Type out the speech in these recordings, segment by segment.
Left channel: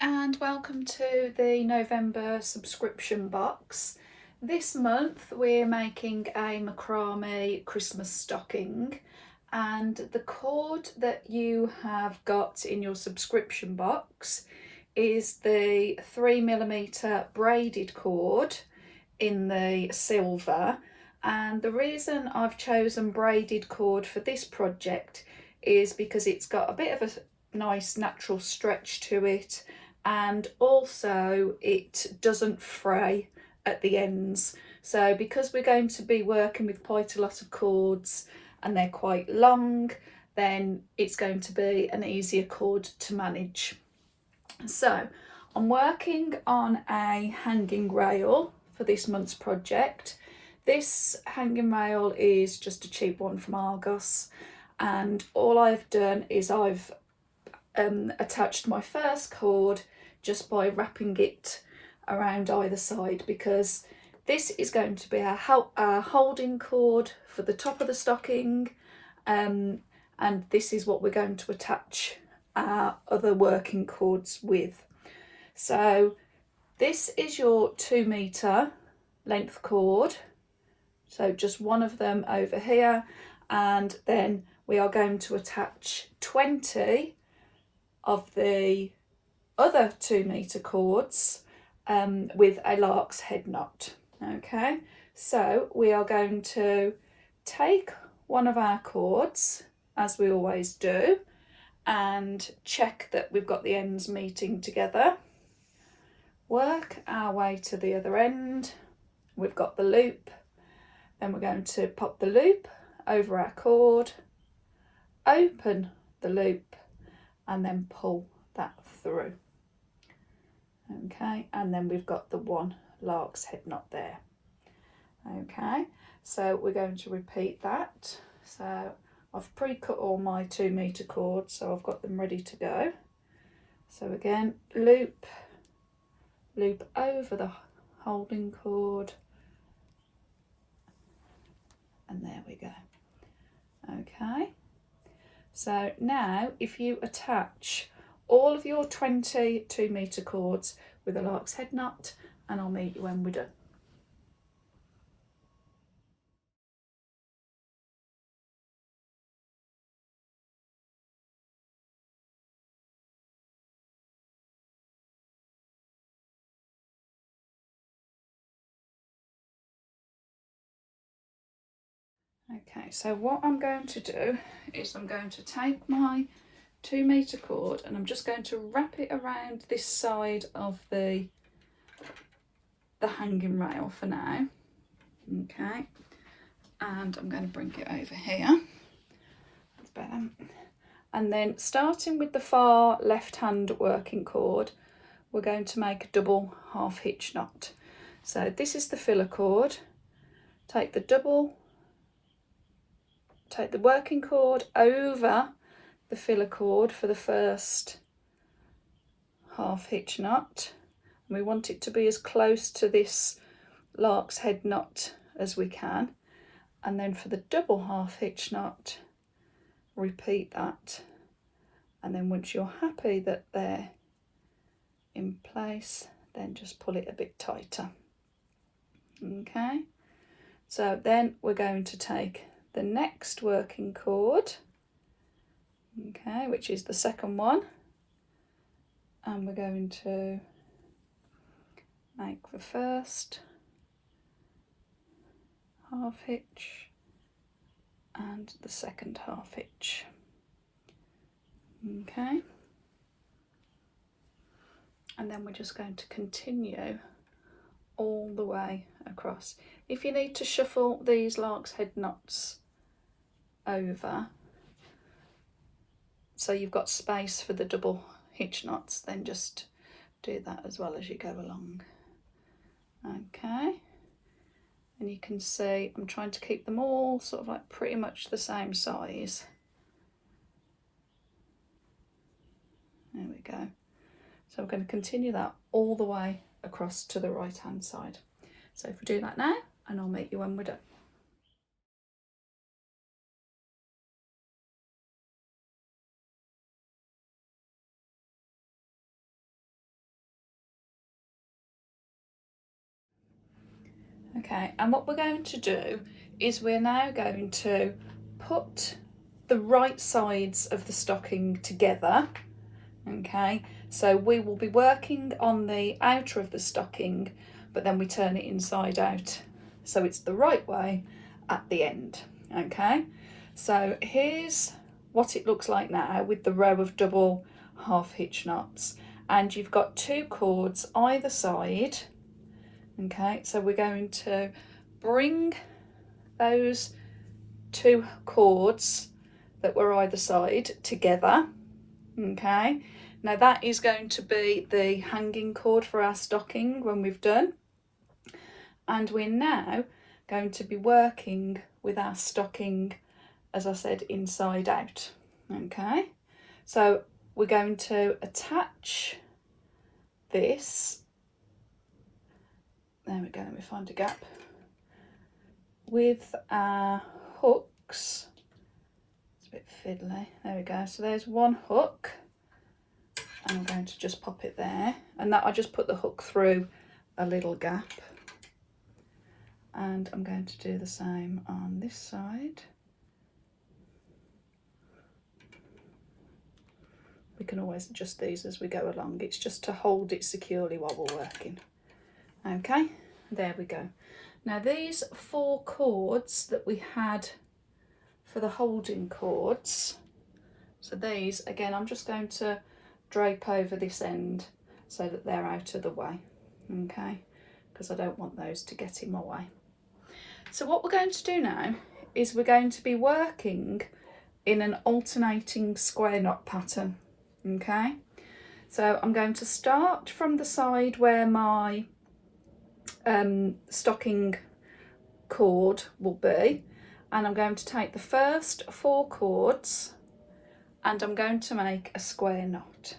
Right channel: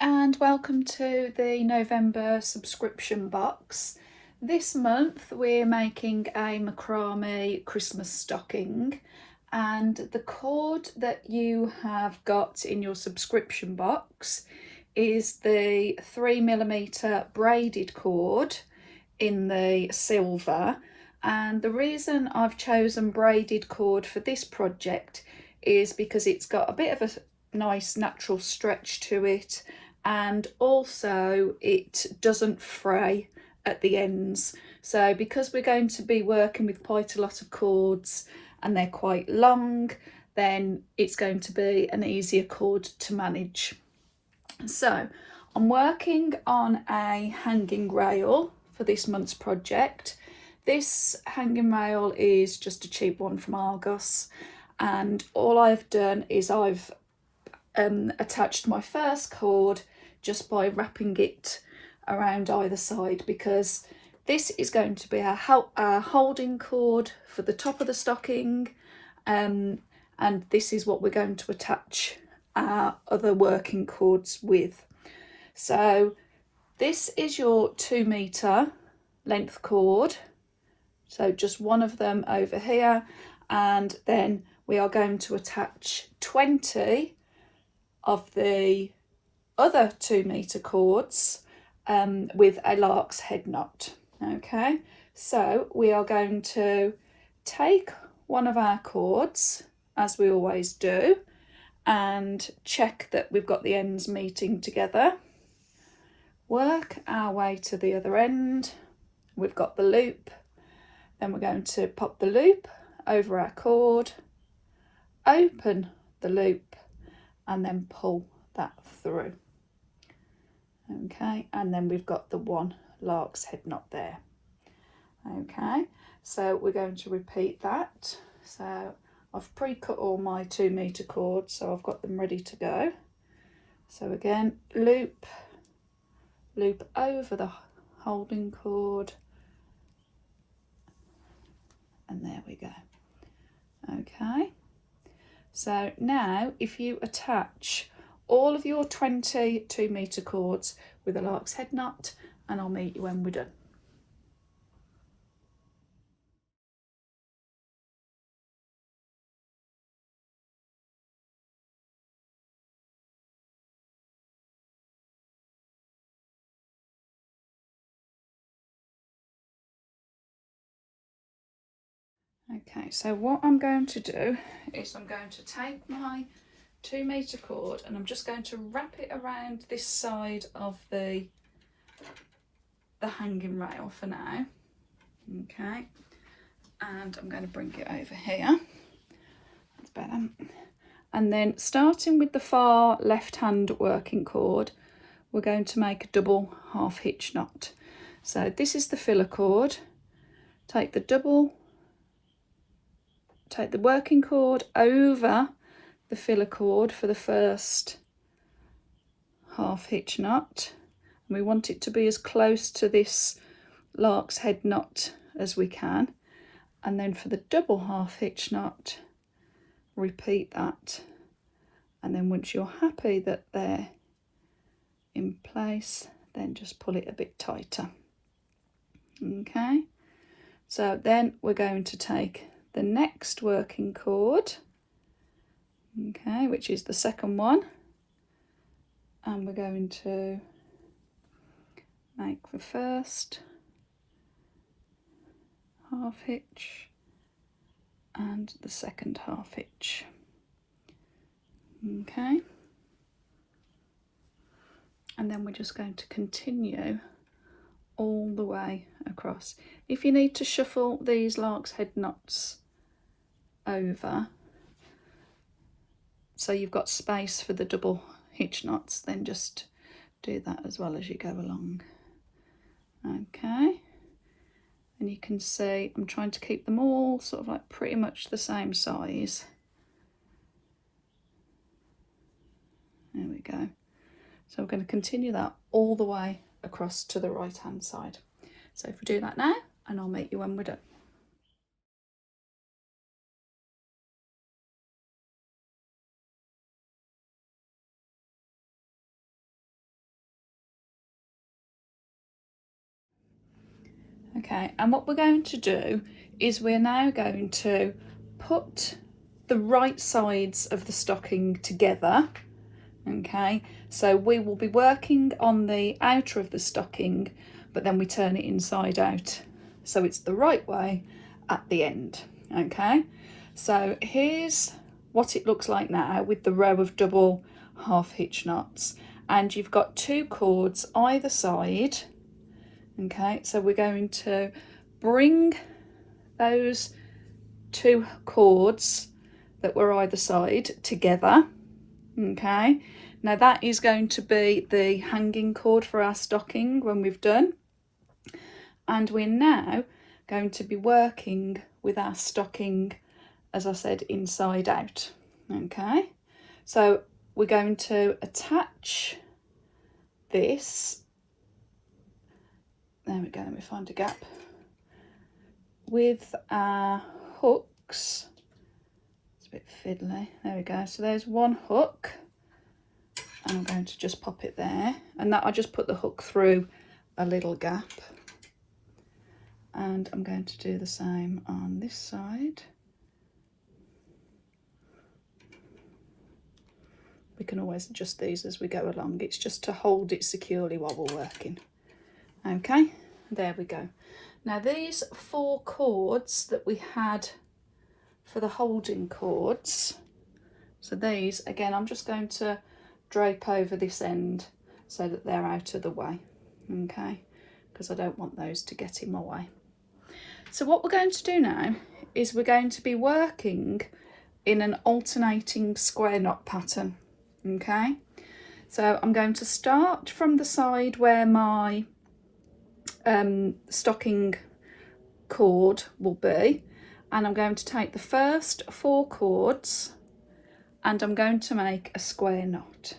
and welcome to the November subscription box. This month we're making a macrame Christmas stocking, and the cord that you have got in your subscription box is the 3mm braided cord in the silver. And the reason I've chosen braided cord for this project is because it's got a bit of a nice natural stretch to it, and also it doesn't fray at the ends. So because we're going to be working with quite a lot of cords and they're quite long, then it's going to be an easier cord to manage. So I'm working on a hanging rail for this month's project. This hanging rail is just a cheap one from Argos, and all I've done is I've attached my first cord just by wrapping it around either side, because this is going to be our holding cord for the top of the stocking, and this is what we're going to attach our other working cords with. So this is your 2 metre length cord, so just one of them over here, and then we are going to attach 20 of the other 2 metre cords with a lark's head knot. Okay, so we are going to take one of our cords, as we always do, and check that we've got the ends meeting together. Work our way to the other end. We've got the loop, then we're going to pop the loop over our cord, open the loop, and then pull that through. Okay, and then we've got the one lark's head knot there. Okay, so we're going to repeat that. So I've pre-cut all my 2 metre cords, so I've got them ready to go. So again, loop over the holding cord, and there we go. Okay, so now if you attach all of your 20 2 metre cords with a lark's head knot, and I'll meet you when we're done. Okay, so what I'm going to do is I'm going to take my 2 metre cord and I'm just going to wrap it around this side of the hanging rail for now. Okay, and I'm going to bring it over here. That's better. And then starting with the far left hand working cord, we're going to make a double half hitch knot. So this is the filler cord. Take the working cord over the filler cord for the first half hitch knot. We want it to be as close to this lark's head knot as we can, and then for the double half hitch knot, repeat that, and then once you're happy that they're in place, then just pull it a bit tighter. Okay, so then we're going to take the next working cord, okay, which is the second one, and we're going to make the first half hitch and the second half hitch. Okay, and then we're just going to continue all the way across. If you need to shuffle these lark's head knots over so you've got space for the double hitch knots, then just do that as well as you go along. Okay, and you can see I'm trying to keep them all sort of like pretty much the same size. There we go. So I'm going to continue that all the way across to the right hand side. So if we do that now, and I'll meet you when we're done. Okay, and what we're going to do is we're now going to put the right sides of the stocking together. Okay, so we will be working on the outer of the stocking, but then we turn it inside out, so it's the right way at the end. Okay, so here's what it looks like now with the row of double half hitch knots, and you've got 2 cords either side. Okay, so we're going to bring those 2 cords that were either side together. Okay, now that is going to be the hanging cord for our stocking when we've done, and we're now going to be working with our stocking, as I said, inside out. Okay, so we're going to attach this, there we go, let me find a gap, with our hooks. It's a bit fiddly, there we go, so there's one hook. I'm going to just pop it there, and that I just put the hook through a little gap, and I'm going to do the same on this side. We can always adjust these as we go along, it's just to hold it securely while we're working. Okay, there we go. Now these 4 cords that we had for the holding cords, so these again I'm just going to drape over this end so that they're out of the way, okay, because I don't want those to get in my way. So what we're going to do now is we're going to be working in an alternating square knot pattern. Okay, so I'm going to start from the side where my stocking cord will be, and I'm going to take the first 4 cords and I'm going to make a square knot.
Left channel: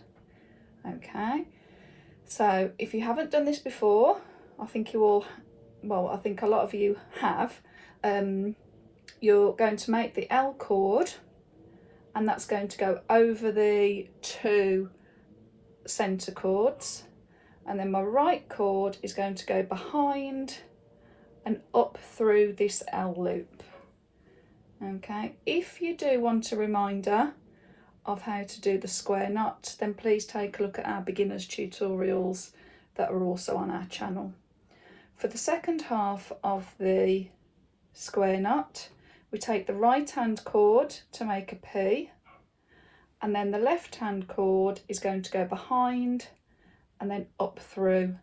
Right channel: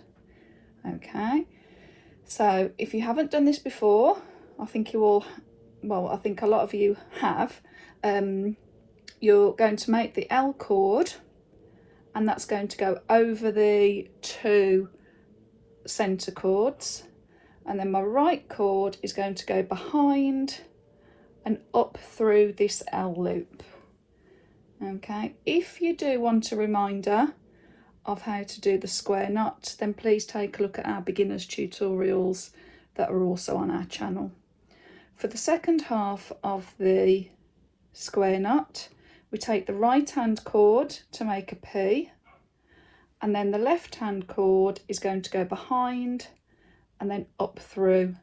Okay, so if you haven't done this before, I think you all, well, I think a lot of you have, you're going to make the L cord, and that's going to go over the 2 centre cords, and then my right cord is going to go behind and up through this L loop. Okay, if you do want a reminder of how to do the square knot, then please take a look at our beginners tutorials that are also on our channel. For the second half of the square knot, we take the right hand cord to make a P, and then the left hand cord is going to go behind and then up through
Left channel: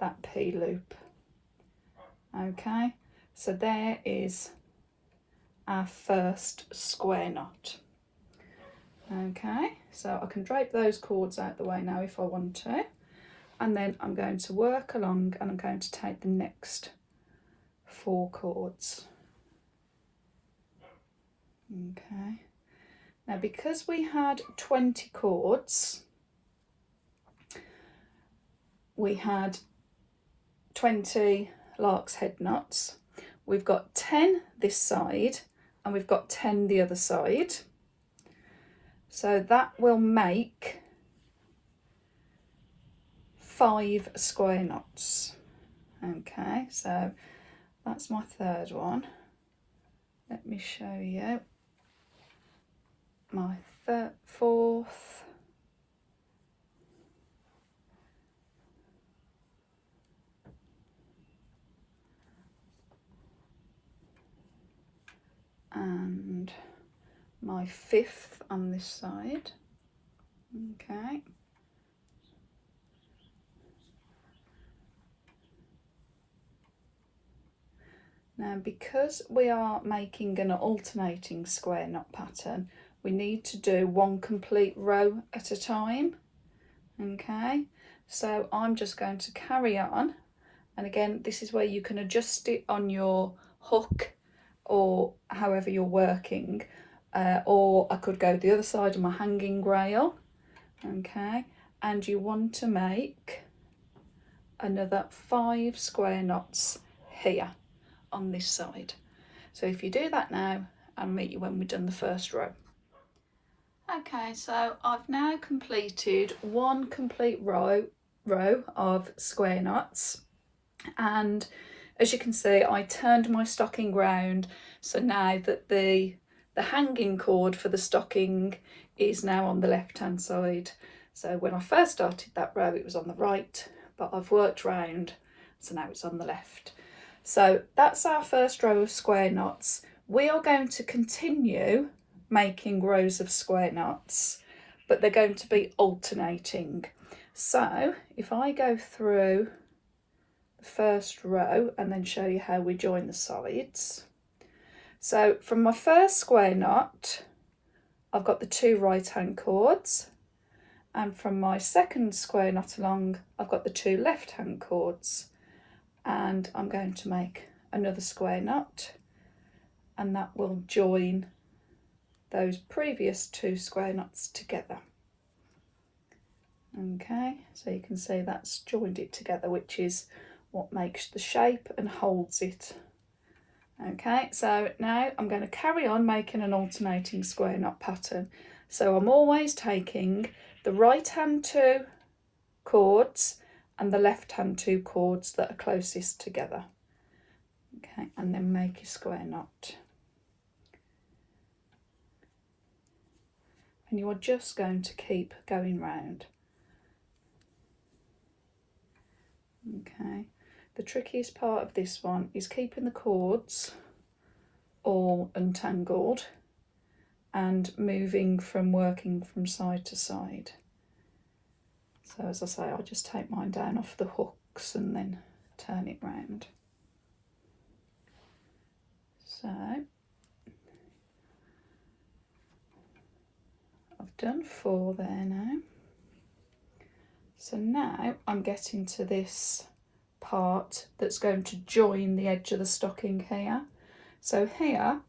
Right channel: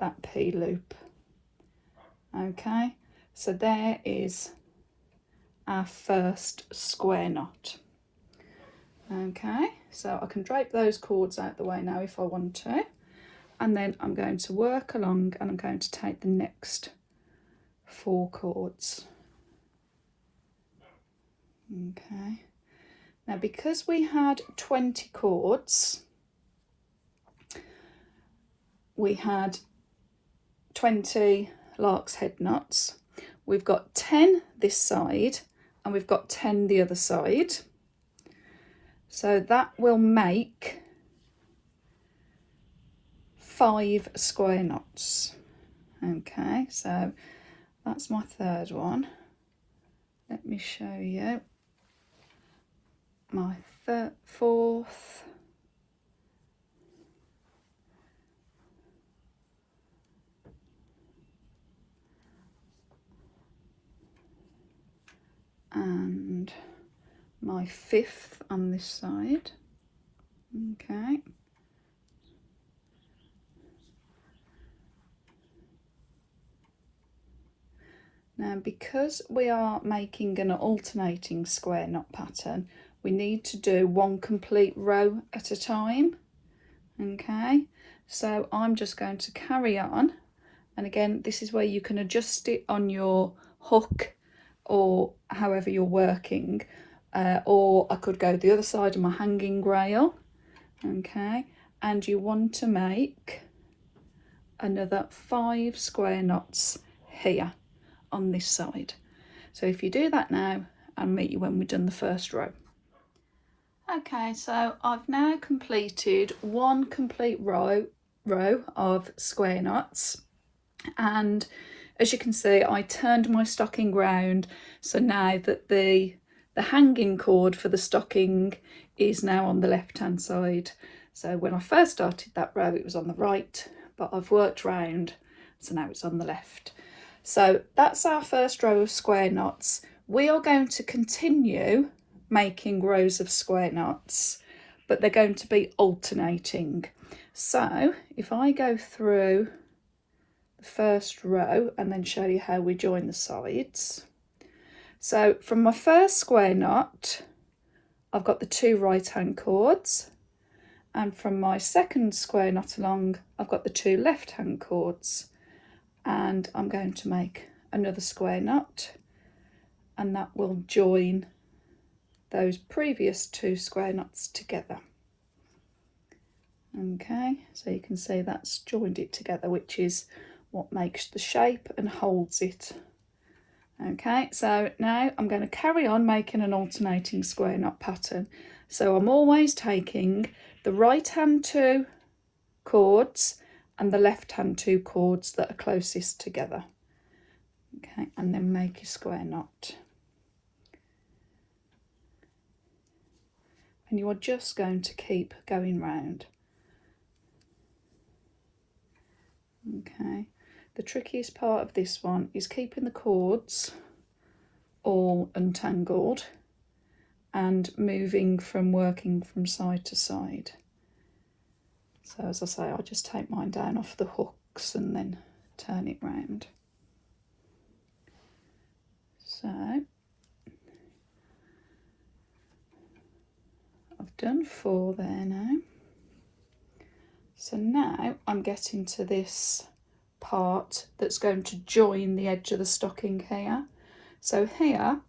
that P loop. Okay, so there is our first square knot. Okay, so I can drape those cords out the way now if I want to, and then I'm going to work along and I'm going to take the next 4 cords. Okay, now because we had 20 cords, we had 20 lark's head knots, we've got 10 this side and we've got 10 the other side, so that will make 5 square knots. Okay, so that's my third one. Let me show you my fourth, and my 5th on this side. Okay, now because we are making an alternating square knot pattern, we need to do 1 complete row at a time. Okay, so I'm just going to carry on, and again this is where you can adjust it on your hook or however you're working, or I could go the other side of my hanging rail. Okay, and you want to make another 5 square knots here on this side. So if you do that now, I'll meet you when we've done the first row. Okay, so I've now completed 1 complete row of square knots, and as you can see, I turned my stocking round, so now that the hanging cord for the stocking is now on the left hand side. So when I first started that row it was on the right, but I've worked round, so now it's on the left. So that's our first row of square knots. We are going to continue making rows of square knots, but they're going to be alternating. So if I go through the first row and then show you how we join the sides. So from my first square knot, I've got the 2 right hand cords, and from my second square knot along, I've got the 2 left hand cords, and I'm going to make another square knot, and that will join those previous 2 square knots together. Okay, so you can see that's joined it together, which is what makes the shape and holds it. Okay, so now I'm going to carry on making an alternating square knot pattern. So I'm always taking the right hand 2 cords and the left hand 2 cords that are closest together. Okay, and then make a square knot. And you are just going to keep going round. Okay, the trickiest part of this one is keeping the cords all untangled and working from side to side. So as I say, I just take mine down off the hooks and then turn it round. So I've done 4 there now. So now I'm getting to this part that's going to join the edge of the stocking here. So here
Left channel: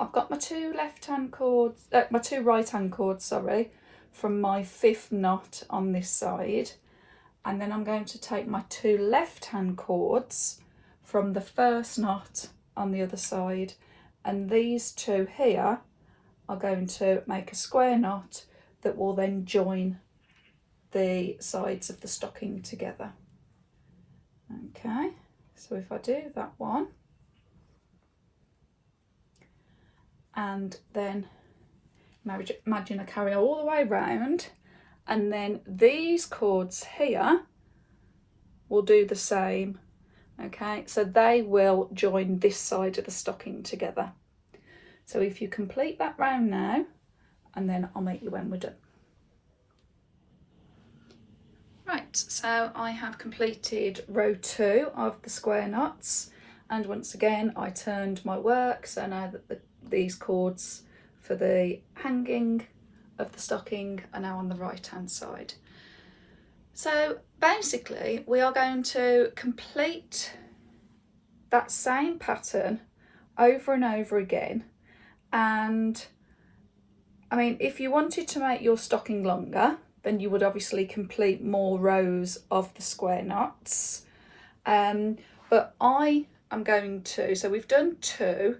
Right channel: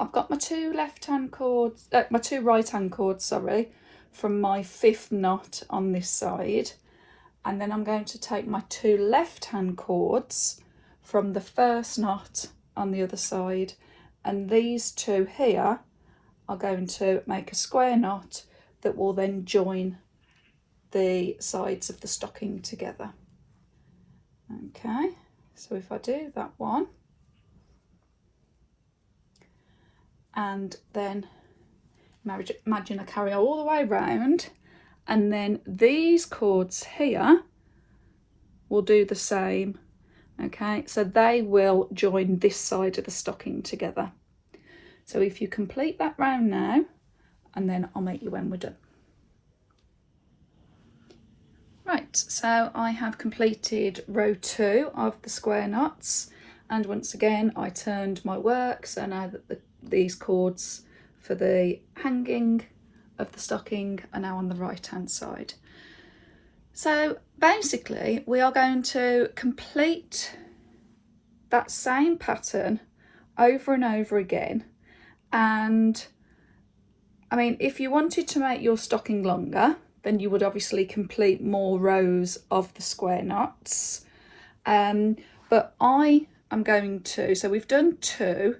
I've got my 2 left-hand cords, my 2 right-hand cords, sorry, from my 5th knot on this side, and then I'm going to take my 2 left-hand cords from the 1st knot on the other side, and these 2 here are going to make a square knot that will then join the sides of the stocking together. Okay, so if I do that one, and then imagine I carry all the way around, and then these cords here will do the same. Okay, so they will join this side of the stocking together. So if you complete that round now, and then I'll make you when we're done. Right, so I have completed row 2 of the square knots, and once again I turned my work, so now that these cords for the hanging of the stocking are now on the right hand side. So basically we are going to complete that same pattern over and over again, and I mean, if you wanted to make your stocking longer, then you would obviously complete more rows of the square knots, but I am going to, so we've done 2,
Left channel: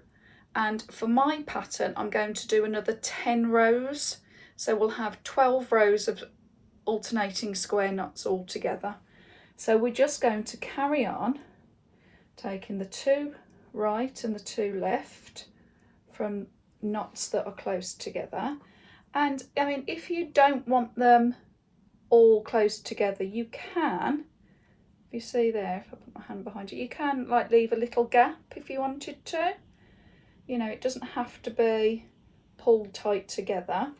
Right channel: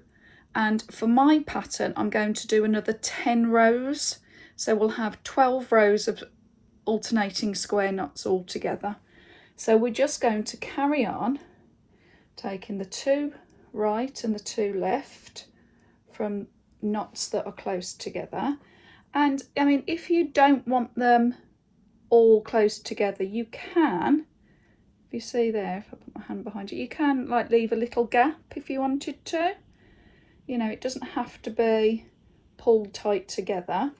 and for my pattern I'm going to do another 10 rows, so we'll have 12 rows of alternating square knots all together. So we're just going to carry on taking the 2 right and the 2 left from knots that are close together. And I mean, if you don't want them all close together, you can, if you see there, if I put my hand behind it, you can like leave a little gap if you wanted to. You know, it doesn't have to be pulled tight together.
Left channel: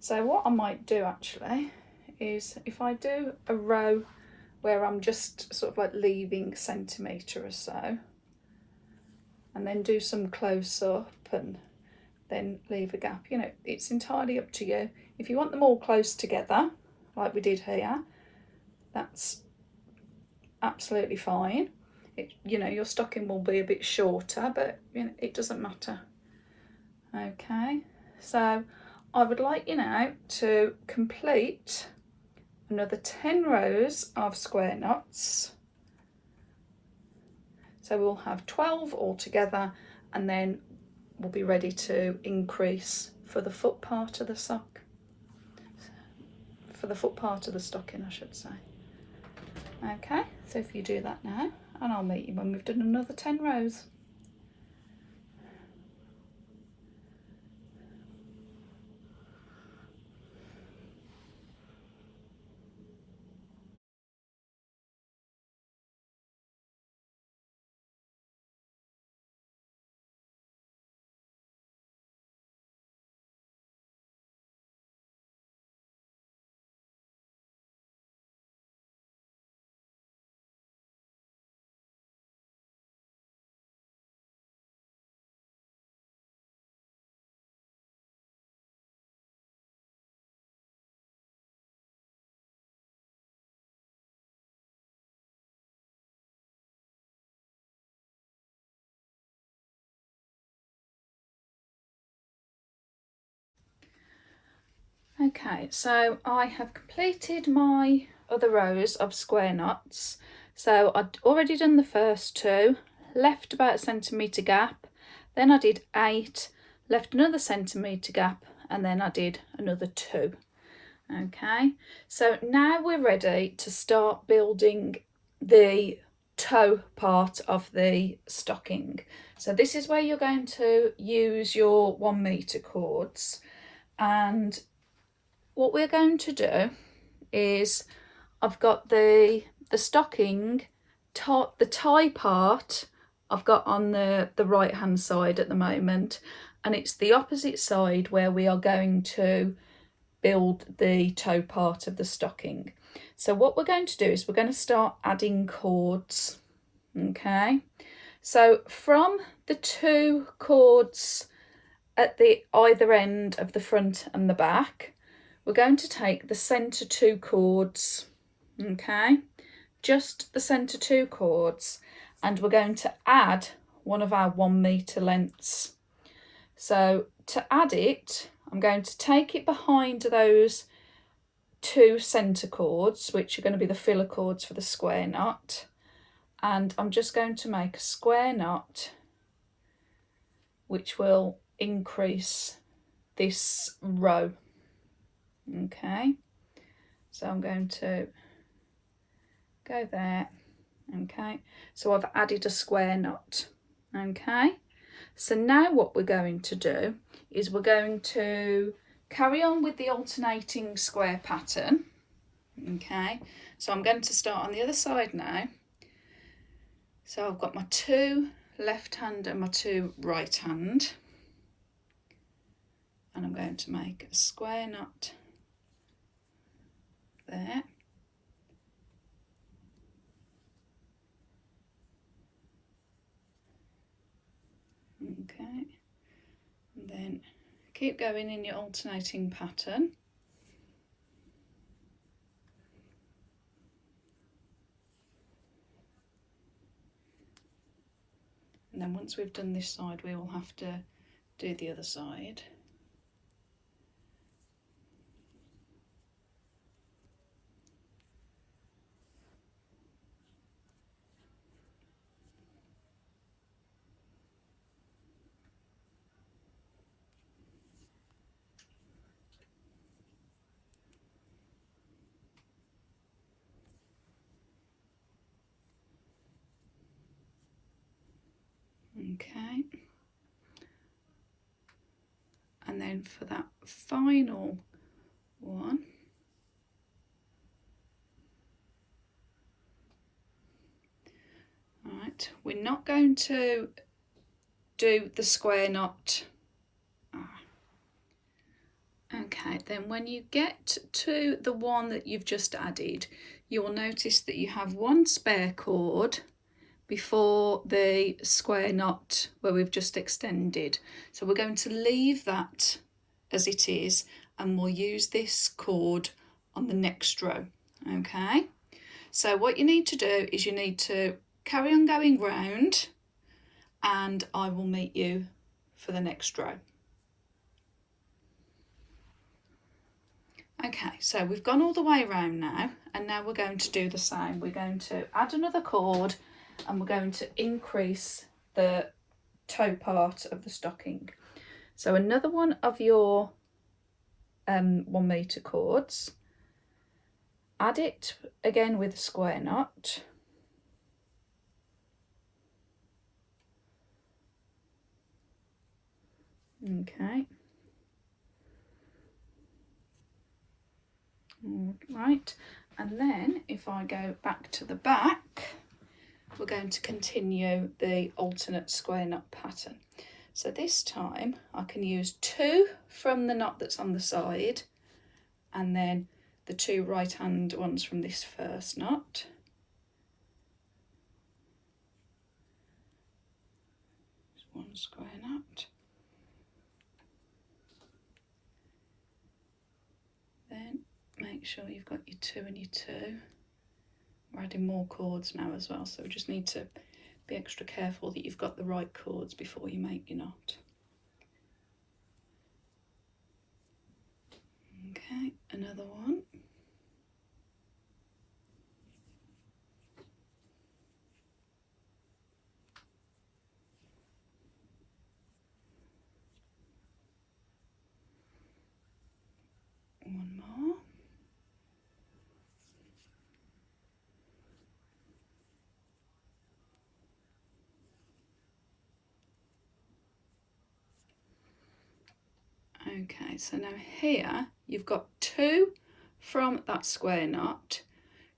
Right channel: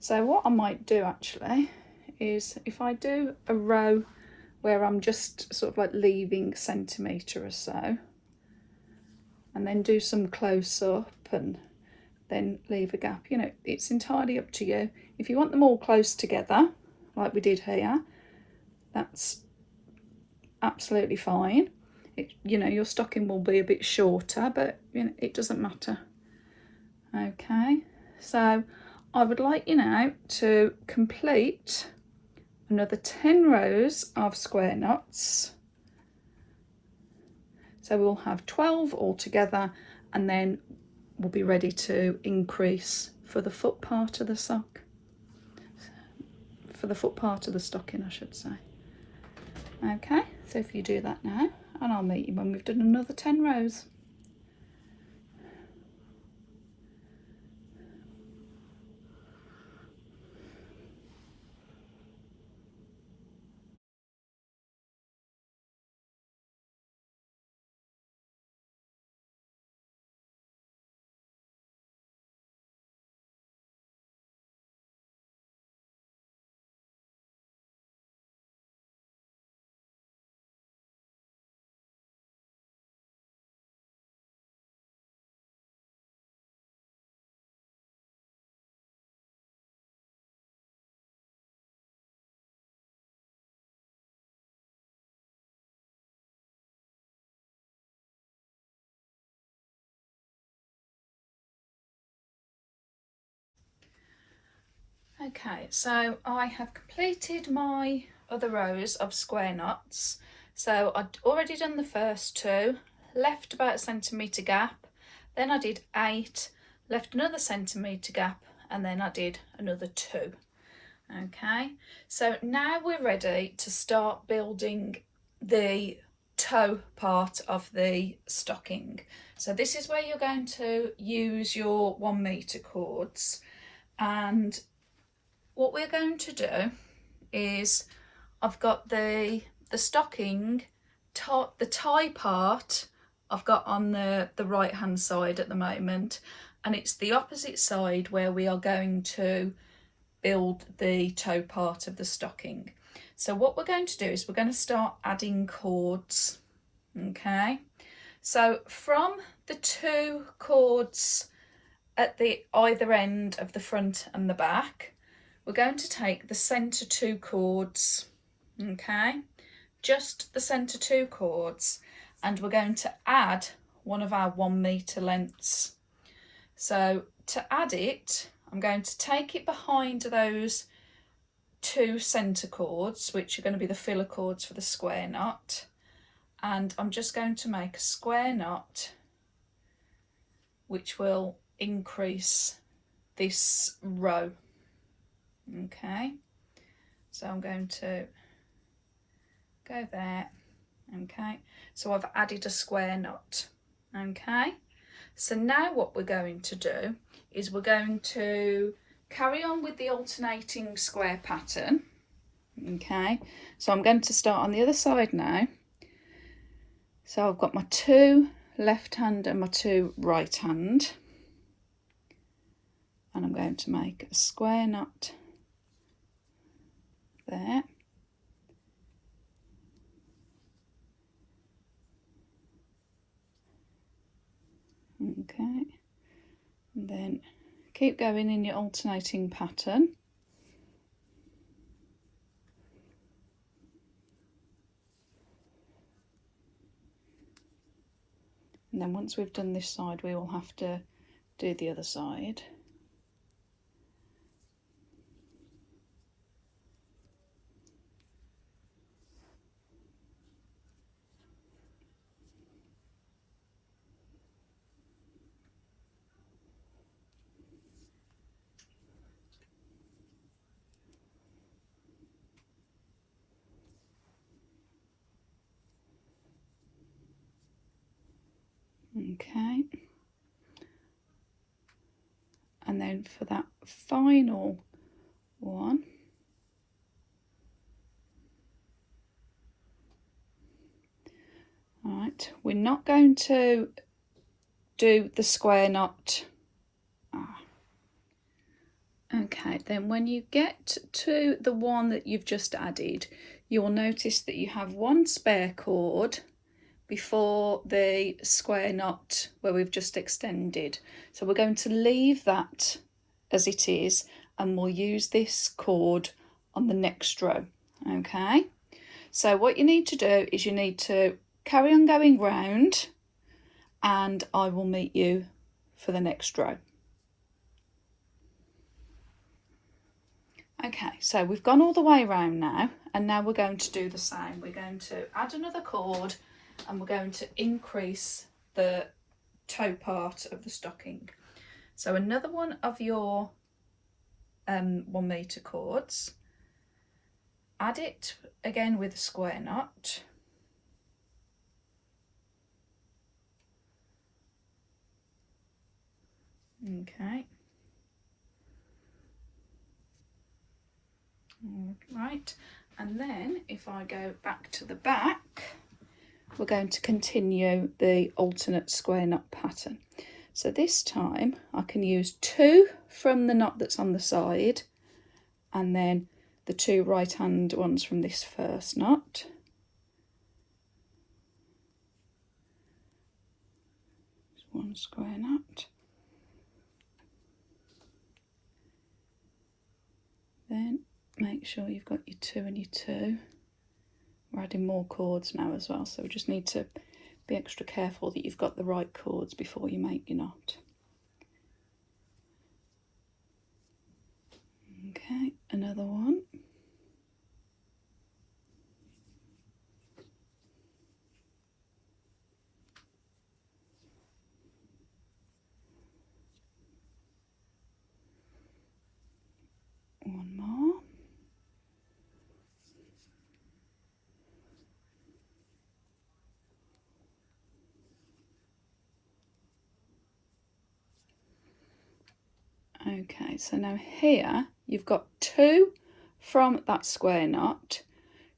So what I might do actually is, if I do a row where I'm just sort of like leaving a centimetre or so, and then do some close up and then leave a gap, you know, it's entirely up to you. If you want them all close together like we did here, that's absolutely fine. You know, your stocking will be a bit shorter, but you know, it doesn't matter. Okay, so I would like you now to complete another 10 rows of square knots. So we'll have 12 all together, and then we'll be ready to increase for the foot part of the sock, for the foot part of the stocking I should say. Okay, so if you do that now, and I'll meet you when we've done another 10 rows. Okay, so I have completed my other rows of square knots. So I'd already done the first 2, left about a centimetre gap, then I did 8, left another centimetre gap, and then I did another 2. Okay, so now we're ready to start building the toe part of the stocking. So this is where you're going to use your 1 metre cords, and what we're going to do is I've got the stocking, the tie part I've got on the right hand side at the moment, and it's the opposite side where we are going to build the toe part of the stocking. So what we're going to do is we're going to start adding cords. Okay, so from the 2 cords at the either end of the front and the back, we're going to take the centre 2 cords, okay, just the centre 2 cords, and we're going to add one of our 1 metre lengths. So to add it, I'm going to take it behind those 2 centre cords, which are going to be the filler cords for the square knot, and I'm just going to make a square knot which will increase this row. Okay, so I'm going to go there. Okay, so I've added a square knot. Okay, so now what we're going to do is we're going to carry on with the alternating square pattern. Okay, so I'm going to start on the other side now. So I've got my 2 left hand and my 2 right hand, and I'm going to make a square knot there. Okay, and then keep going in your alternating pattern. And then once we've done this side, we will have to do the other side. Okay, and then for that final one, right, we're not going to do the square knot. Okay, then when you get to the one that you've just added, you'll notice that you have 1 spare cord before the square knot where we've just extended. So we're going to leave that as it is, and we'll use this cord on the next row. Okay, so what you need to do is you need to carry on going round, and I will meet you for the next row. Okay, so we've gone all the way around now, and now we're going to do the same. We're going to add another cord, and we're going to increase the toe part of the stocking. So another one of your 1 metre cords, add it again with a square knot, Okay. Right, and then if I go back to the back, we're going to continue the alternate square knot pattern. So this time I can use 2 from the knot that's on the side, and then the 2 right hand ones from this first knot. One square knot. Then make sure you've got your 2 and your 2. We're adding more cords now as well, so we just need to be extra careful that you've got the right cords before you make your knot. Okay, another one. One more. Okay, so now here you've got 2 from that square knot.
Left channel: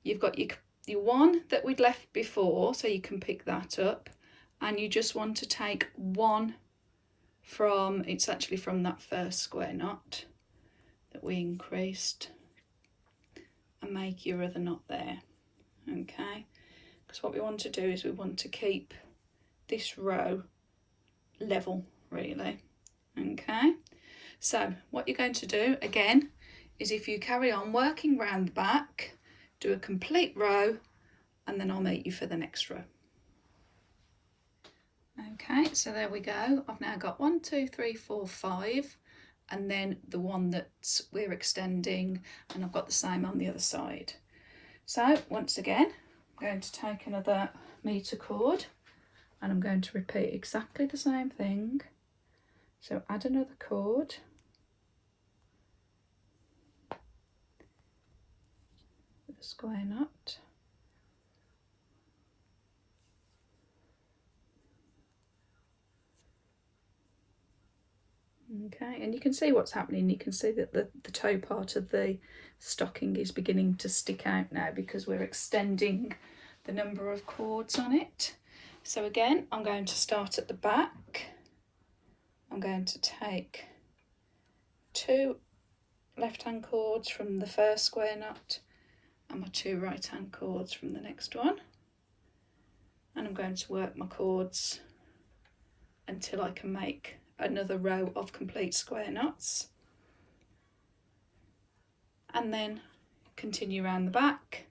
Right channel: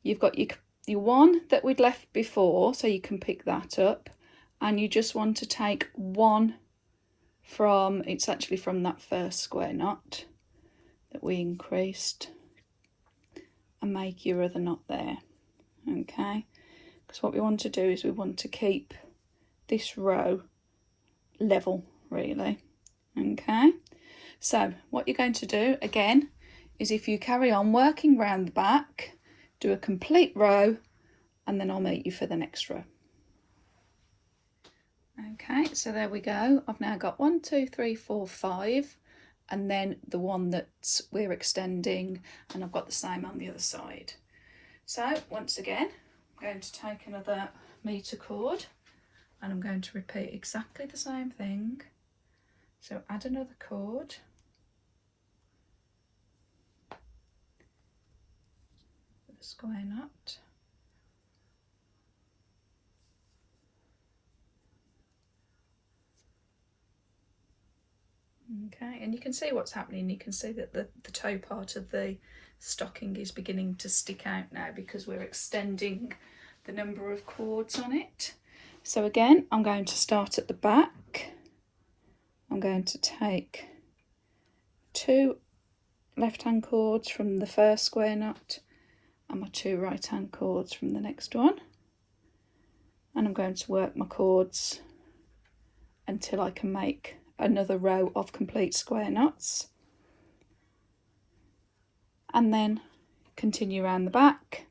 You've got your one that we'd left before, so you can pick that up, and you just want to take 1 from, it's actually from that first square knot that we increased, and make your other knot there. Okay, because what we want to do is we want to keep this row level, really. Okay, so what you're going to do again is, if you carry on working round the back, do a complete row, and then I'll meet you for the next row. Okay, so there we go. I've now got 1, 2, 3, 4, 5, and then the one that we're extending, and I've got the same on the other side. So once again, I'm going to take another metre cord, and I'm going to repeat exactly the same thing. So add another cord, with a square knot, okay, and you can see what's happening. You can see that the toe part of the stocking is beginning to stick out now, because we're extending the number of cords on it. So again, I'm going to start at the back. I'm going to take 2 left-hand cords from the first square knot and my 2 right-hand cords from the next one, and I'm going to work my cords until I can make another row of complete square knots, and then continue around the back.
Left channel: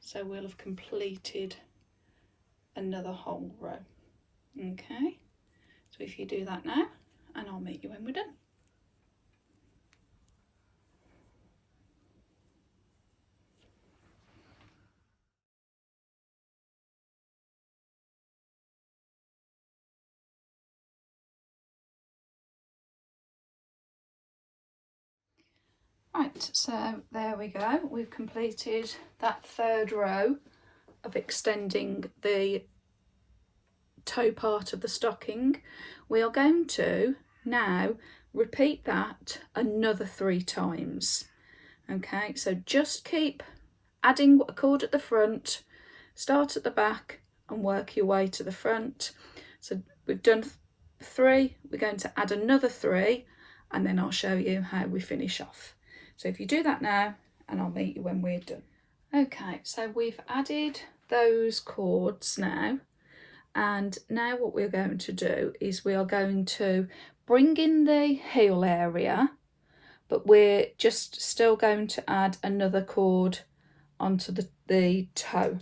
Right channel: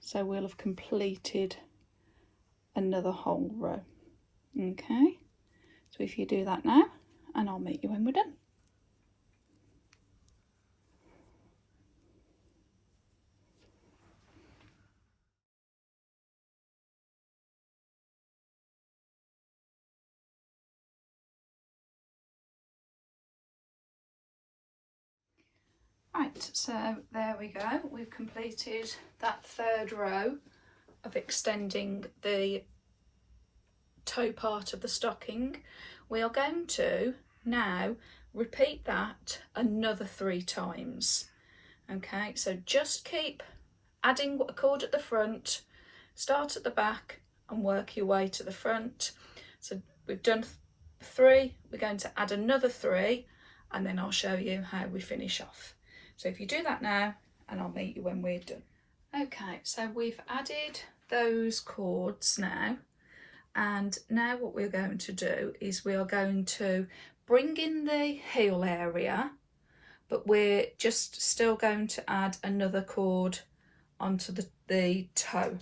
So we'll have completed another whole row. Okay, so if you do that now, and I'll meet you when we're done. Right, so there we go. We've completed that 3rd row of extending the toe part of the stocking. We are going to now repeat that another 3 times. Okay, so just keep adding a cord at the front, start at the back and work your way to the front. So we've done 3, we're going to add another 3, and then I'll show you how we finish off. So if you do that now, and I'll meet you when we're done. Okay, so we've added those cords now, and now what we're going to do is we are going to bring in the heel area, but we're just still going to add another cord onto the toe.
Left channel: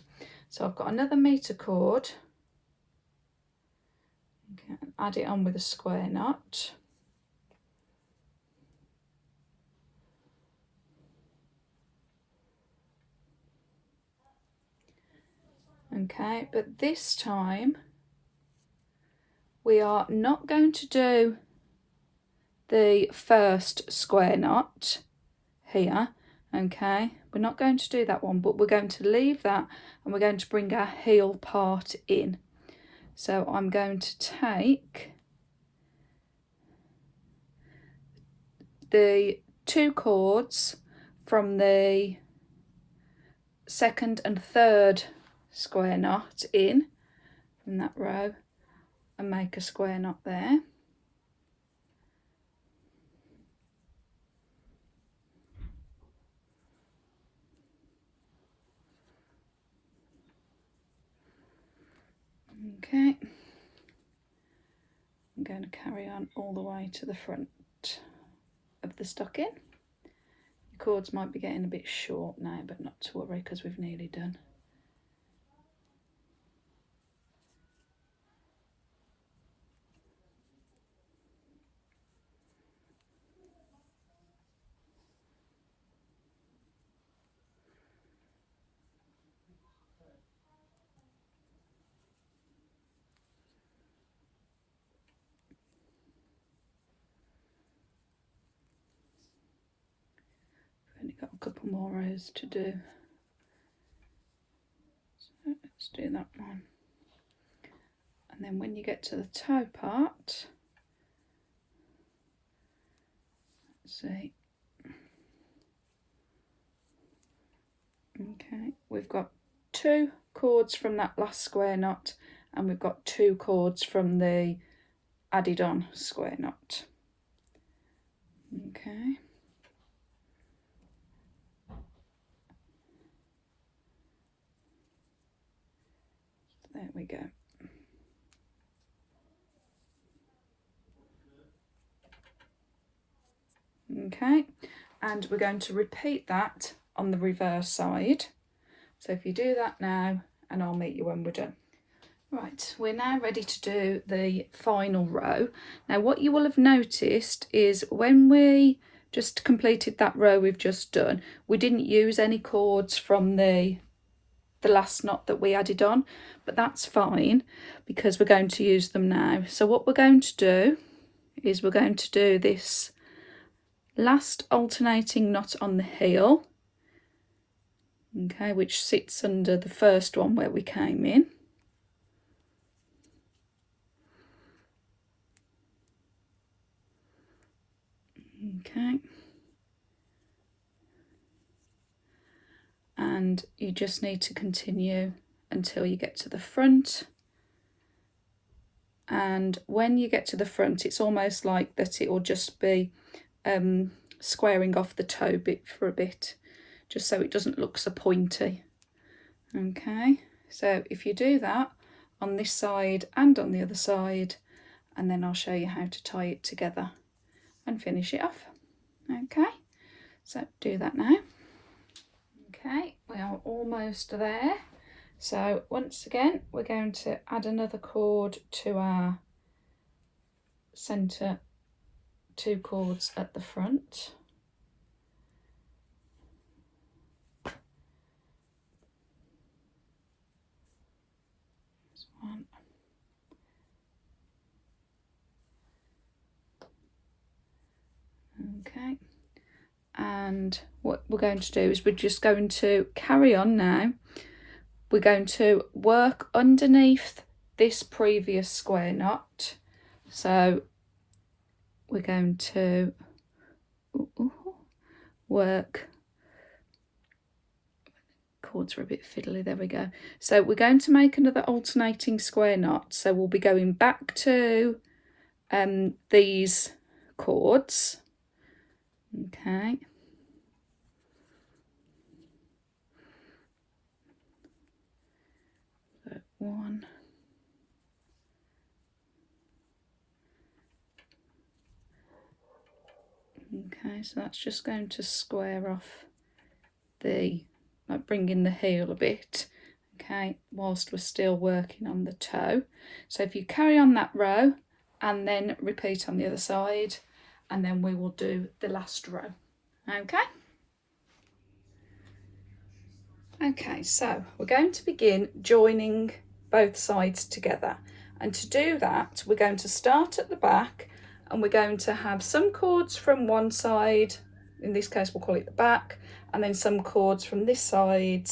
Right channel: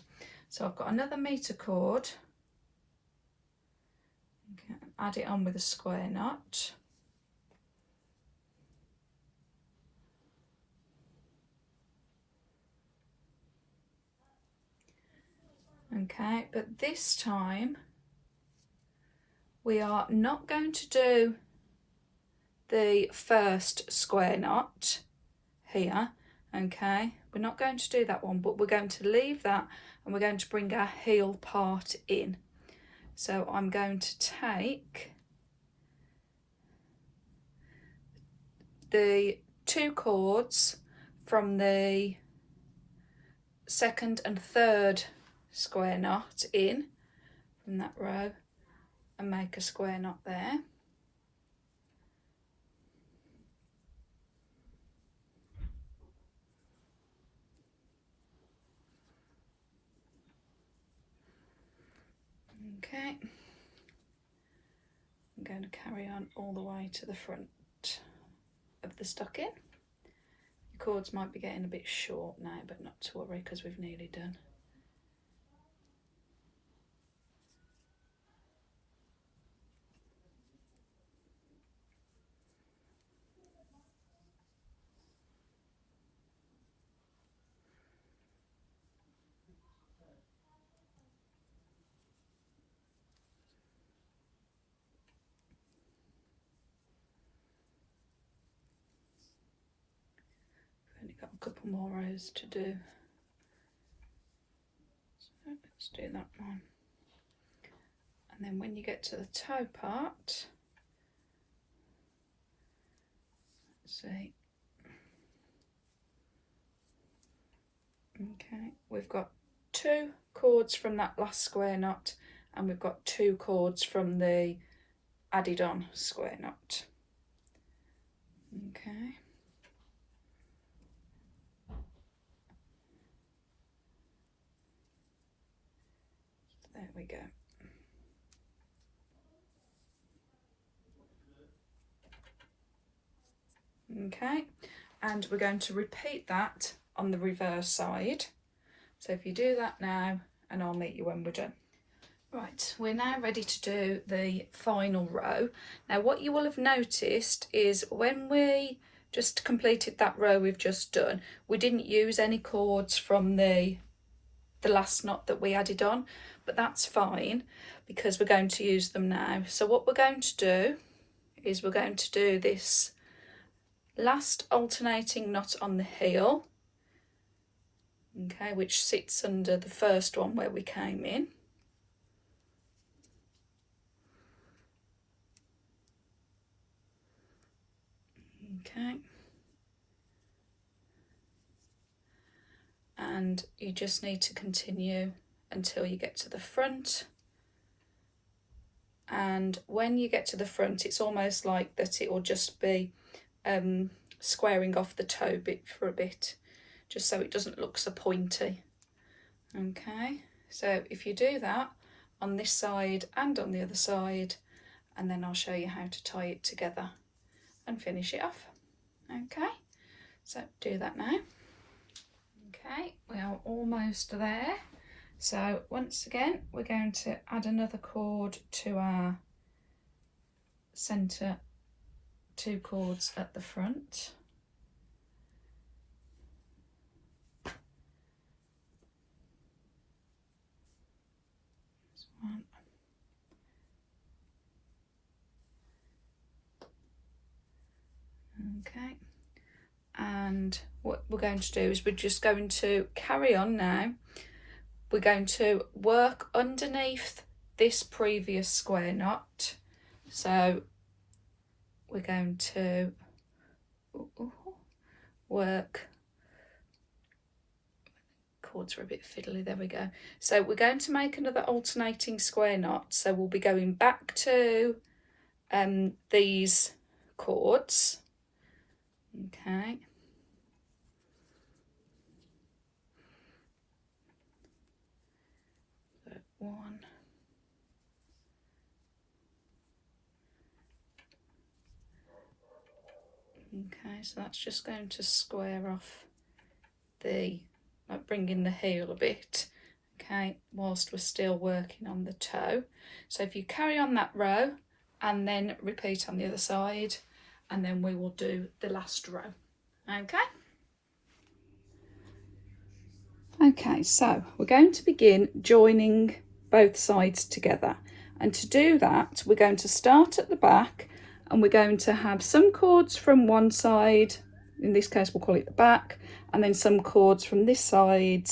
So I've got another metre cord, okay, add it on with a square knot. Okay, but this time we are not going to do the first square knot here. Okay, we're not going to do that one, but we're going to leave that, and we're going to bring our heel part in. So I'm going to take the 2 cords from the 2nd and 3rd square knot in from that row and make a square knot there. Okay, I'm going to carry on all the way to the front of the stocking. The cords might be getting a bit short now, but not to worry because we've nearly done. Only got a couple more rows to do, so let's do that one. And then when you get to the toe part, let's see, okay, we've got 2 cords from that last square knot and we've got 2 cords from the added on square knot. Okay. There we go. Okay, and we're going to repeat that on the reverse side. So if you do that now, and I'll meet you when we're done. Right, we're now ready to do the final row. Now what you will have noticed is when we just completed that row we've just done, we didn't use any cords from the last knot that we added on, but that's fine because we're going to use them now. So what we're going to do is we're going to do this last alternating knot on the heel, okay, which sits under the first one where we came in. Okay, and you just need to continue until you get to the front, and when you get to the front it's almost like that it will just be squaring off the toe bit for a bit, just so it doesn't look so pointy. Okay, so if you do that on this side and on the other side, and then I'll show you how to tie it together and finish it off. Okay, so do that now. Okay, we are almost there. So once again we're going to add another cord to our centre 2 cords at the front. There's one. Okay, and what we're going to do is we're just going to carry on now. We're going to work underneath this previous square knot, so we're going to work, cords are a bit fiddly, there we go. So we're going to make another alternating square knot, so we'll be going back to these cords. Okay, so 1, okay, so that's just going to square off the, like bringing the heel a bit, okay, whilst we're still working on the toe. So if you carry on that row and then repeat on the other side, and then we will do the last row. Okay. Okay, so we're going to begin joining both sides together, and to do that we're going to start at the back, and we're going to have some cords from one side, in this case we'll call it the back, and then some cords from this side,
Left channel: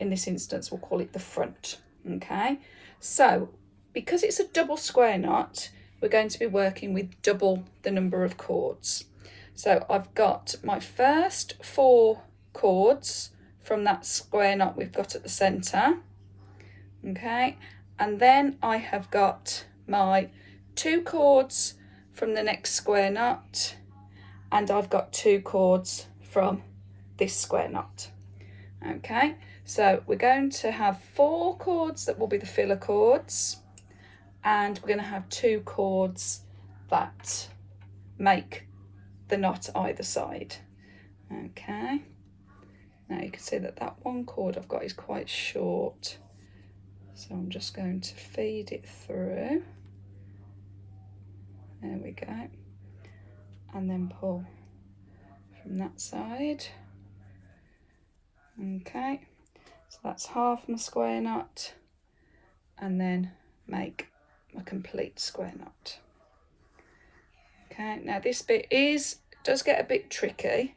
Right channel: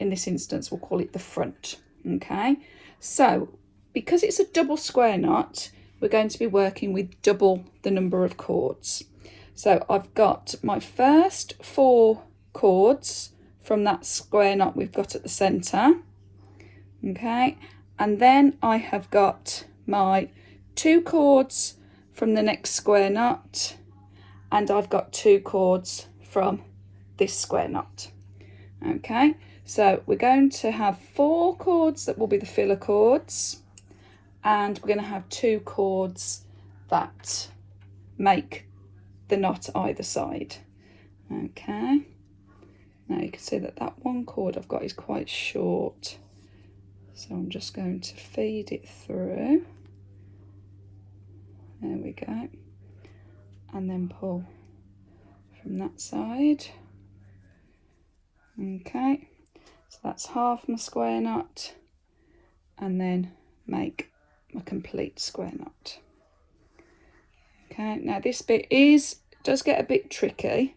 in this instance we'll call it the front. Okay, so because it's a double square knot, we're going to be working with double the number of cords. So I've got my first 4 cords from that square knot we've got at the centre, okay, and then I have got my 2 cords from the next square knot, and I've got 2 cords from this square knot. Okay, so we're going to have 4 cords that will be the filler cords, and we're going to have 2 cords that make the knot either side. Okay, now you can see that that 1 cord I've got is quite short, so I'm just going to feed it through. There we go, and then pull from that side. Okay, so that's half my square knot, and then make a complete square knot. Okay, now this bit does get a bit tricky.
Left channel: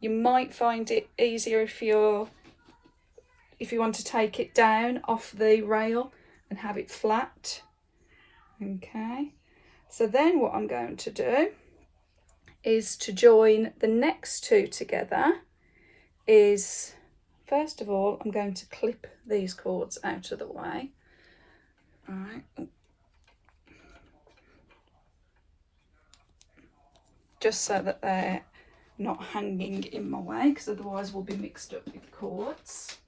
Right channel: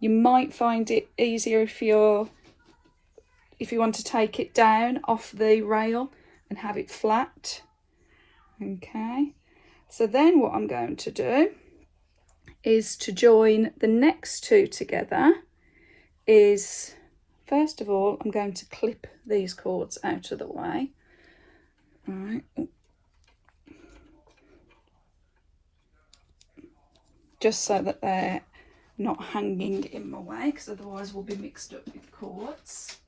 You might find it easier if you want to take it down off the rail and have it flat. Okay, so then what I'm going to do is to join the next 2 together. First of all, I'm going to clip these cords out of the way. All right. Just so that they're not hanging in my way, because otherwise we'll be mixed up with cords.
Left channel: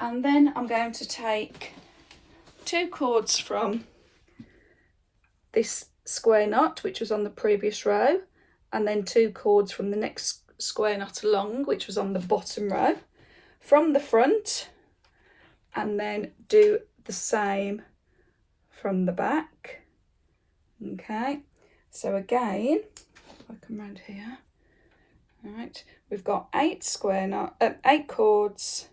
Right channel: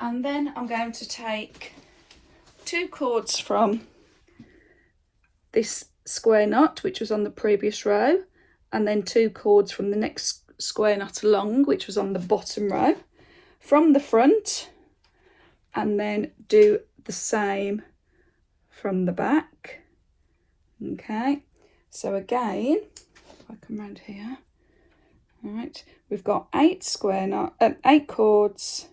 And then I'm going to take 2 cords from this square knot, which was on the previous row, and then 2 cords from the next square knot along, which was on the bottom row, from the front, and then do the same from the back. Okay, so again, if I come round here, all right, we've got 8 cords,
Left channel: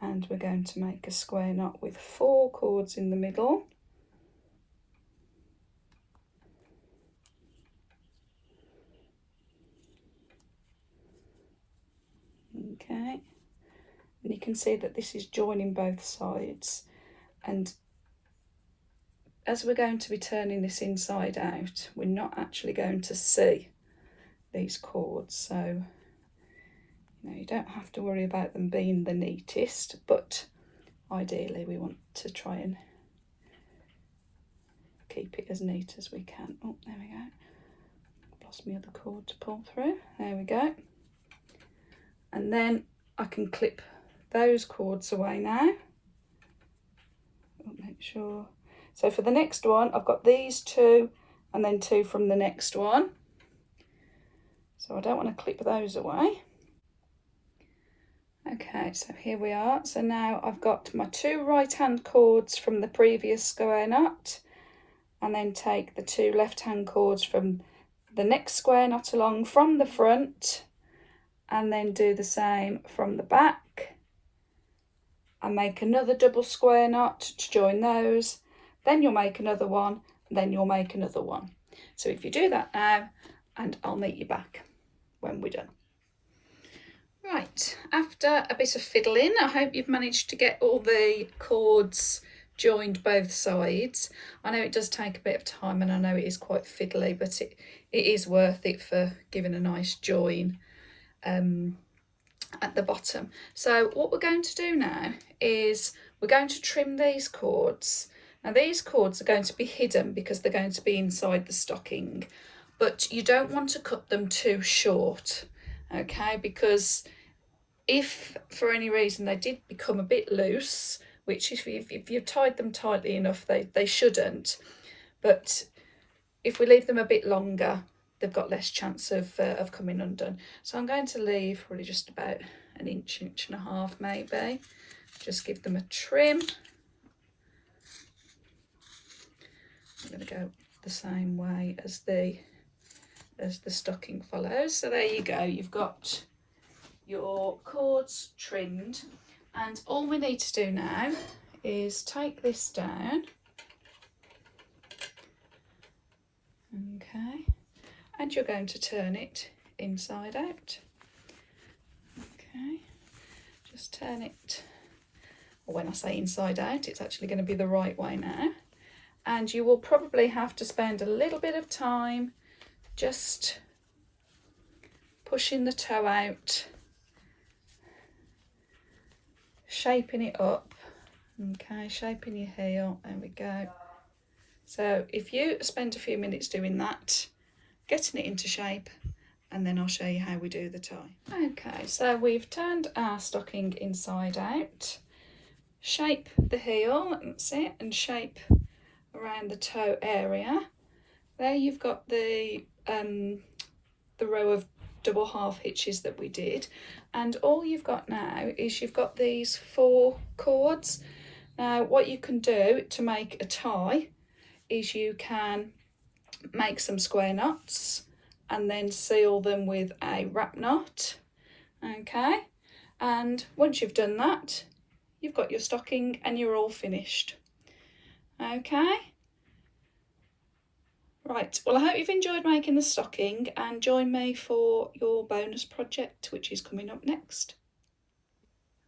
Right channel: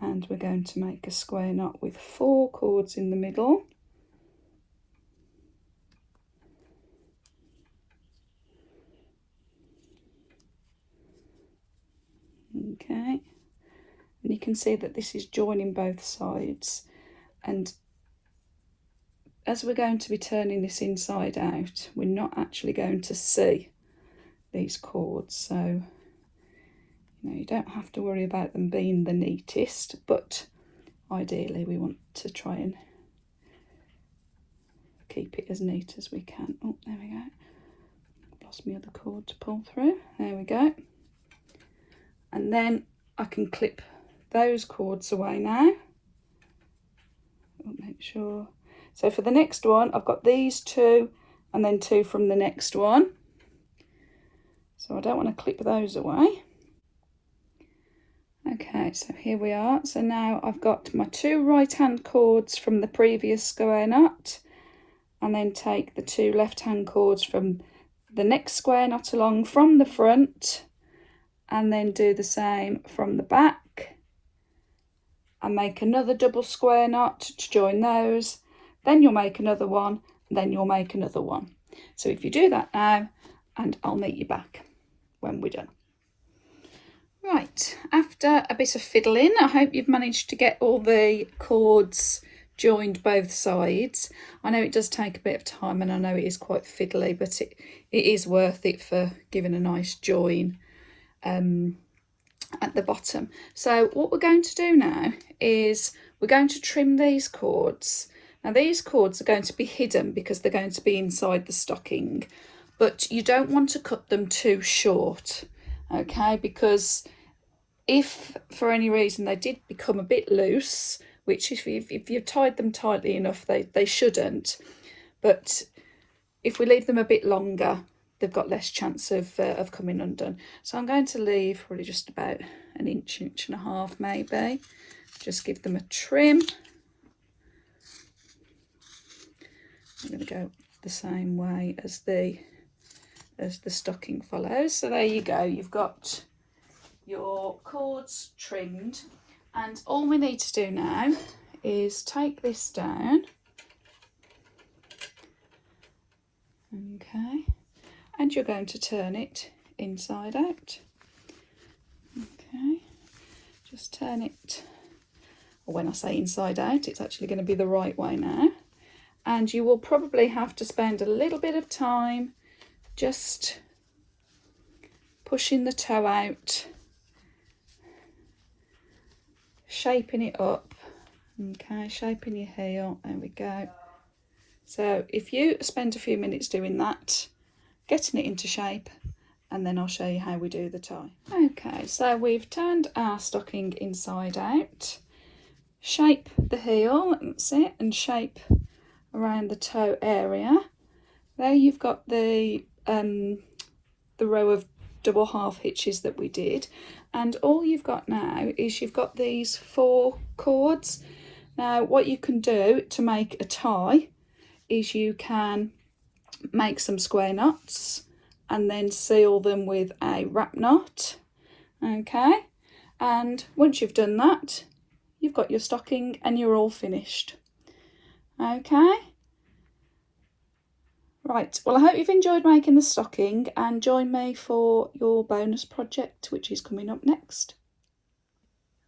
and we're going to make a square knot with 4 cords in the middle. Okay, and you can see that this is joining both sides, and as we're going to be turning this inside out, we're not actually going to see these cords, so you don't have to worry about them being the neatest, but ideally we want to try and keep it as neat as we can. Oh, there we go. Lost my other cord to pull through. There we go. And then I can clip those cords away now. Make sure. So for the next one, I've got these 2 and then 2 from the next one. So I don't want to clip those away. Okay, so here we are. So now I've got my 2 right-hand cords from the previous square knot, and then take the 2 left-hand cords from the next square knot along from the front, and then do the same from the back, and make another double square knot to join those. Then you'll make another one, and then you'll make another one. So if you do that now, and I'll meet you back when we're done. Right, after a bit of fiddling, I hope you've managed to get all the cords joined both sides. I know it does take a bit of time, and I know it is quite fiddly, but it is worth it for giving a nice join at the bottom. So what we're going to do now is we're going to trim these cords. Now these cords are going to be hidden because they're going to be inside the stocking, but you don't want to cut them too short, okay, because if for any reason they did become a bit loose, which if you've tied them tightly enough, they shouldn't, but if we leave them a bit longer, they've got less chance of coming undone. So I'm going to leave probably just about an inch, inch and a half maybe. Just give them a trim. I'm going to go the same way as the stocking follows. So there you go, you've got your cords trimmed, and all we need to do now is take this down, okay, and you're going to turn it inside out. Okay, just turn it, or when I say inside out, it's actually going to be the right way now, and you will probably have to spend a little bit of time just pushing the toe out, shaping it up. Okay, shaping your heel, there we go. So if you spend a few minutes doing that, getting it into shape, and then I'll show you how we do the tie. Okay, so we've turned our stocking inside out. Shape the heel, that's it, and shape around the toe area. There you've got the row of double half hitches that we did, and all you've got now is you've got these 4 cords. Now what you can do to make a tie is you can make some square knots and then seal them with a wrap knot. Okay, and once you've done that, you've got your stocking and you're all finished. Okay, right, well I hope you've enjoyed making the stocking, and join me for your bonus project which is coming up next.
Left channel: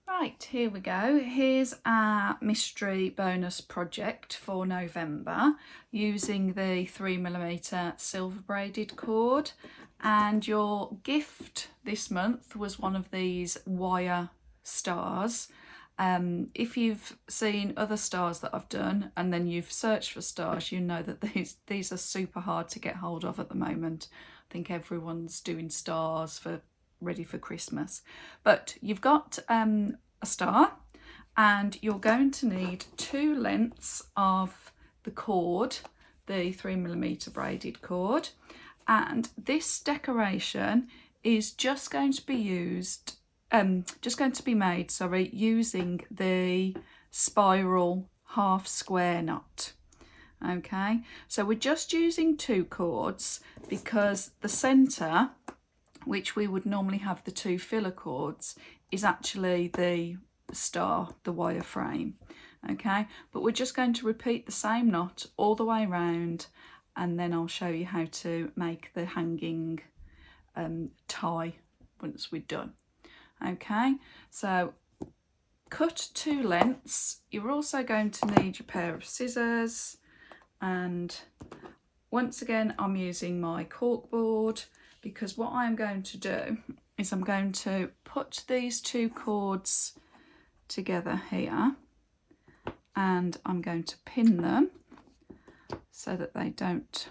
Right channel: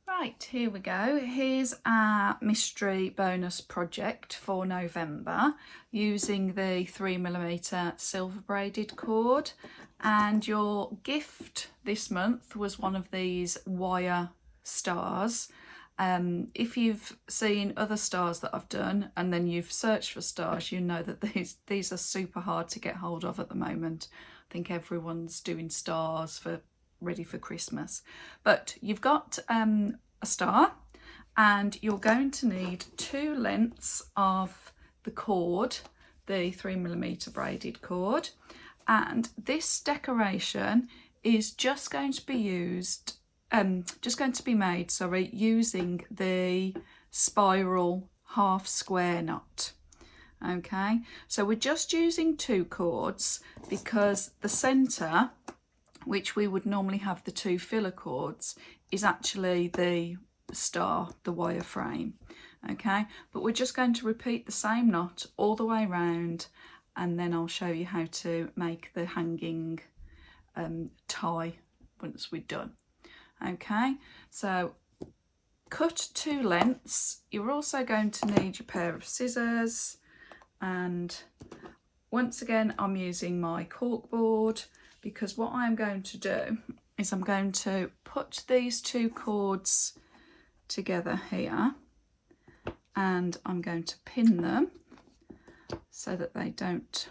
Right, here we go. Here's our mystery bonus project for November using the 3mm silver braided cord, and your gift this month was one of these wire stars. If you've seen other stars that I've done and then you've searched for stars, you know that these are super hard to get hold of at the moment. I think everyone's doing stars for ready for Christmas, but you've got a star, and you're going to need 2 lengths of the cord, the 3mm braided cord, and this decoration is just going to be made using the spiral half square knot. Okay, so we're just using 2 cords because the center, which we would normally have the 2 filler cords, is actually the star, the wire frame. Okay, but we're just going to repeat the same knot all the way around, and then I'll show you how to make the hanging tie once we're done. Okay, so cut 2 lengths. You're also going to need your pair of scissors, and once again I'm using my cork board, because what I'm going to do is I'm going to put these 2 cords together here, and I'm going to pin them so that they don't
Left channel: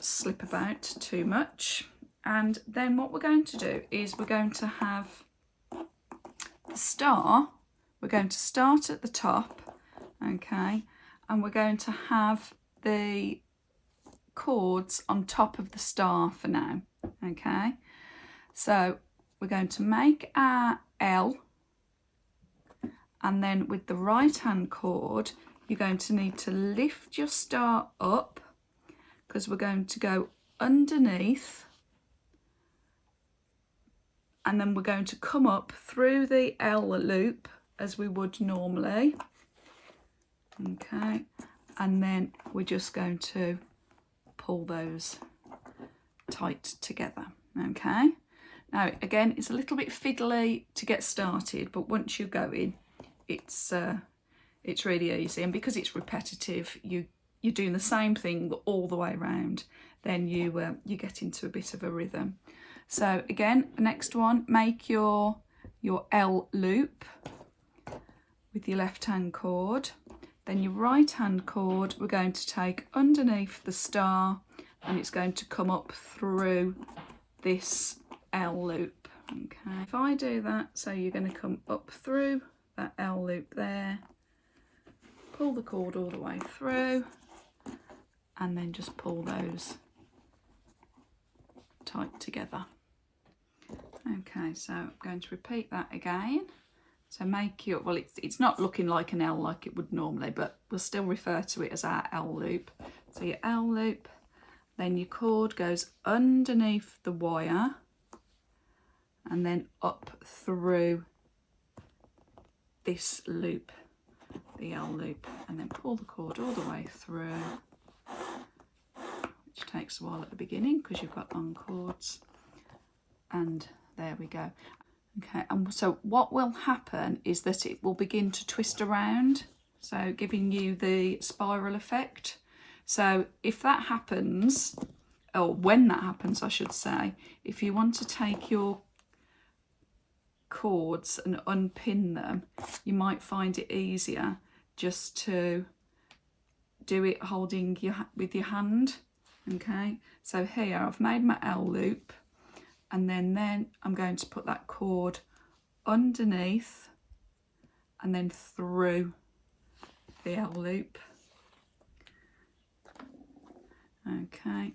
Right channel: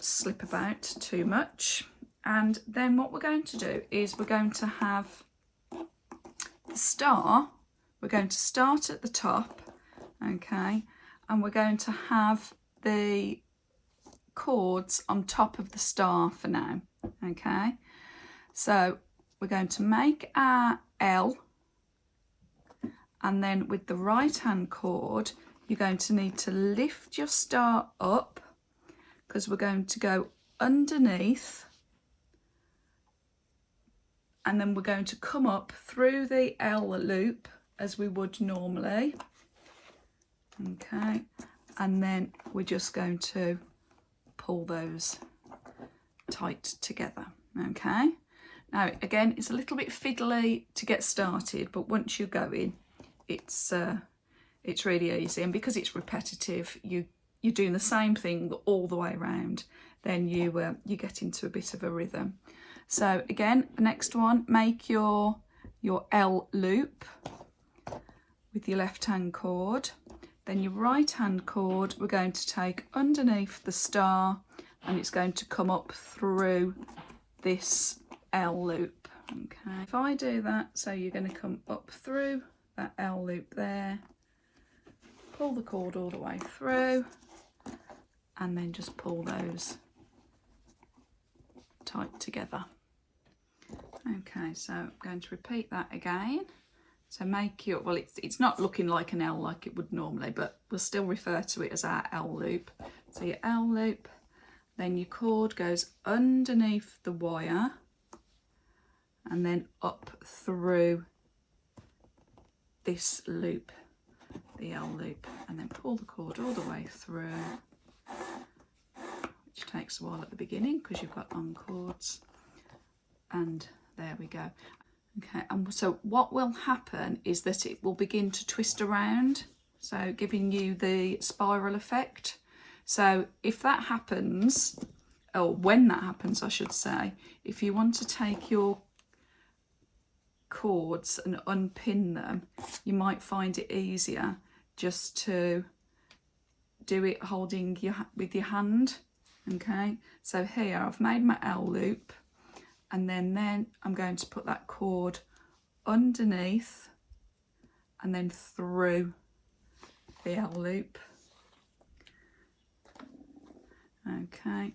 slip about too much. And then what we're going to do is we're going to have the star, we're going to start at the top, okay, and we're going to have the cords on top of the star for now. Okay, so we're going to make our L, and then with the right hand cord you're going to need to lift your star up, because we're going to go underneath, and then we're going to come up through the L loop as we would normally. Okay, and then we're just going to pull those tight together. Okay, now again it's a little bit fiddly to get started, but once you're going it's really easy, and because it's repetitive, you're doing the same thing all the way around, then you get into a bit of a rhythm. So again, the next one, make your L loop with your left hand cord, then your right hand cord we're going to take underneath the star, and it's going to come up through this L loop. Okay, if I do that, so you're going to come up through that L loop there, pull the cord all the way through, and then just pull those tight together. Okay, so I'm going to repeat that again. So make your, well, it's not looking like an L like it would normally, but we'll still refer to it as our L loop. So your L loop, then your cord goes underneath the wire and then up through this loop, the L loop, and then pull the cord all the way through, which takes a while at the beginning because you've got long cords, and there we go. Okay, and so what will happen is that it will begin to twist around. so giving you the spiral effect. So if that happens, or when that happens I should say, if you want to take your cords and unpin them, you might find it easier just to do it holding with your hand. Okay, so here I've made my L loop, and then I'm going to put that cord underneath and then through the L loop. Okay,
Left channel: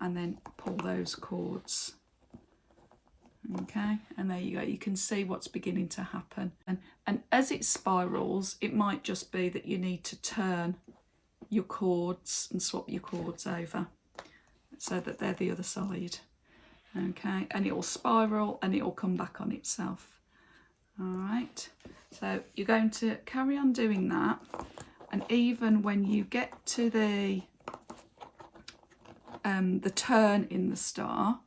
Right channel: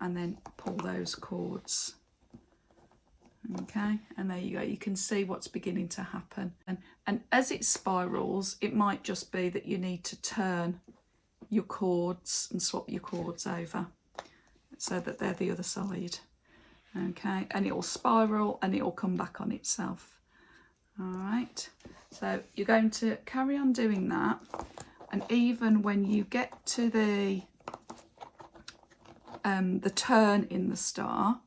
and then pull those cords. Okay, and there you go. You can see what's beginning to happen. And as it spirals, it might just be that you need to turn your cords and swap your cords over so that they're the other side. Okay, and it will spiral and it will come back on itself. All right, so you're going to carry on doing that, and even when you get to the turn in the star,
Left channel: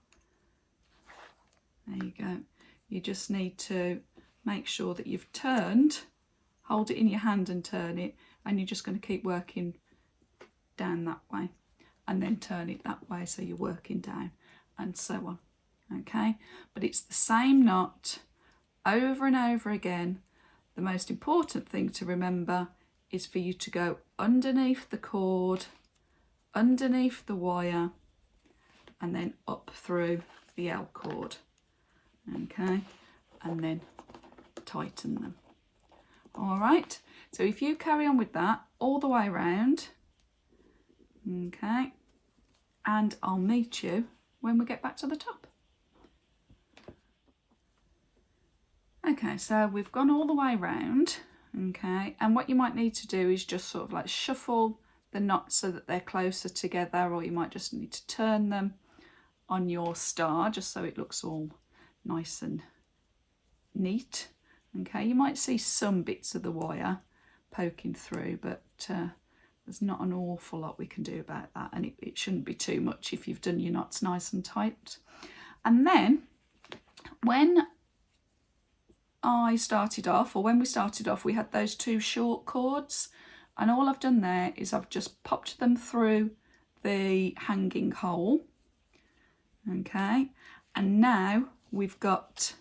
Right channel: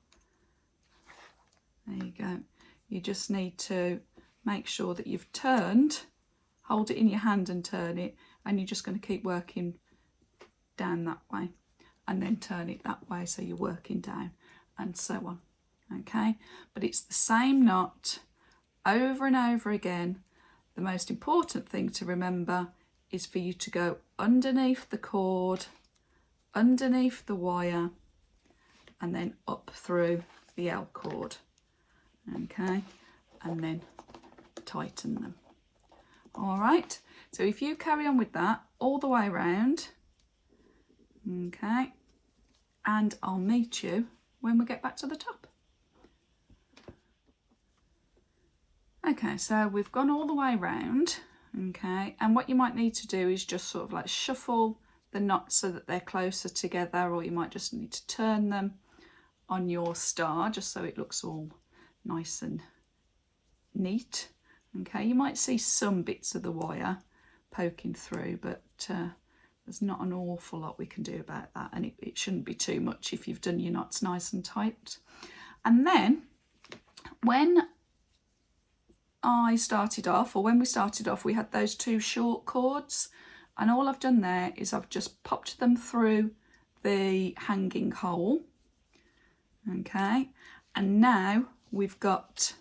there you go, you just need to make sure that you've turned, hold it in your hand and turn it, and you're just going to keep working down that way and then turn it that way, so you're working down and so on. Okay, but it's the same knot over and over again. The most important thing to remember is for you to go underneath the cord, underneath the wire, and then up through the L cord. Okay, and then tighten them. All right, so if you carry on with that all the way around, okay, and I'll meet you when we get back to the top. Okay, so we've gone all the way around, okay, and what you might need to do is just sort of like shuffle the knots so that they're closer together, or you might just need to turn them on your star just so it looks all nice and neat. Okay, you might see some bits of the wire poking through, but there's not an awful lot we can do about that, and it shouldn't be too much if you've done your knots nice and tight. And then when I started off, or when we started off, we had those two short cords, and all I've done there is I've just popped them through the hanging hole. Okay, and now we've got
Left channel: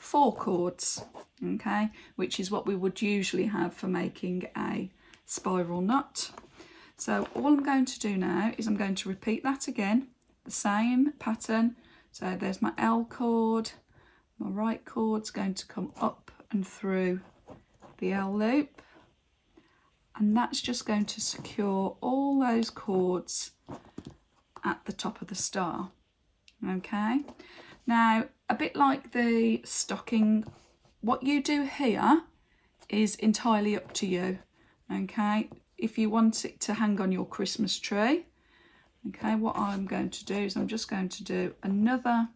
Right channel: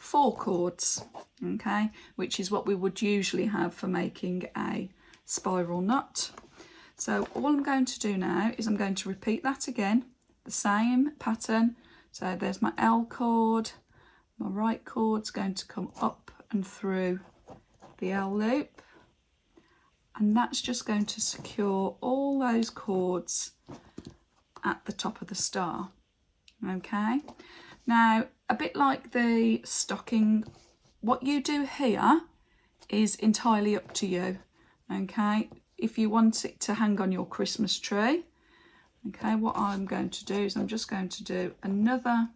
4 cords, okay, which is what we would usually have for making a spiral knot. So all I'm going to do now is I'm going to repeat that again, the same pattern. So there's my L cord, my right cord's going to come up and through the L loop, and that's just going to secure all those cords at the top of the star. Okay, now a bit like the stocking, what you do here is entirely up to you. Okay, if you want it to hang on your Christmas tree, okay, what I'm going to do is I'm just going to do another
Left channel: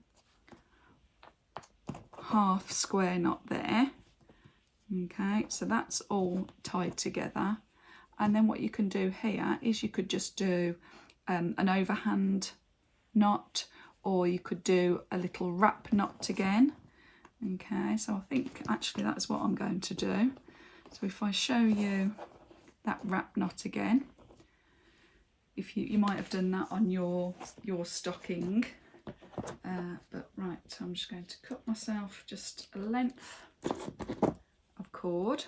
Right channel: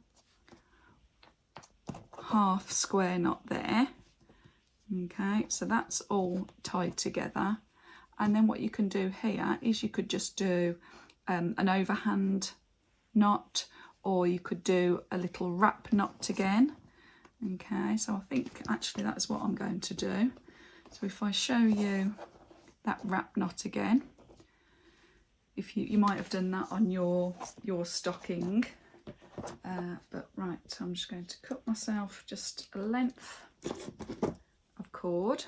half square knot there. Okay, so that's all tied together, and then what you can do here is you could just do an overhand knot, or you could do a little wrap knot again. Okay, so I think actually that's what I'm going to do. So if I show you that wrap knot again, if you might have done that on your stocking, but right, so I'm just going to cut myself just a length of cord.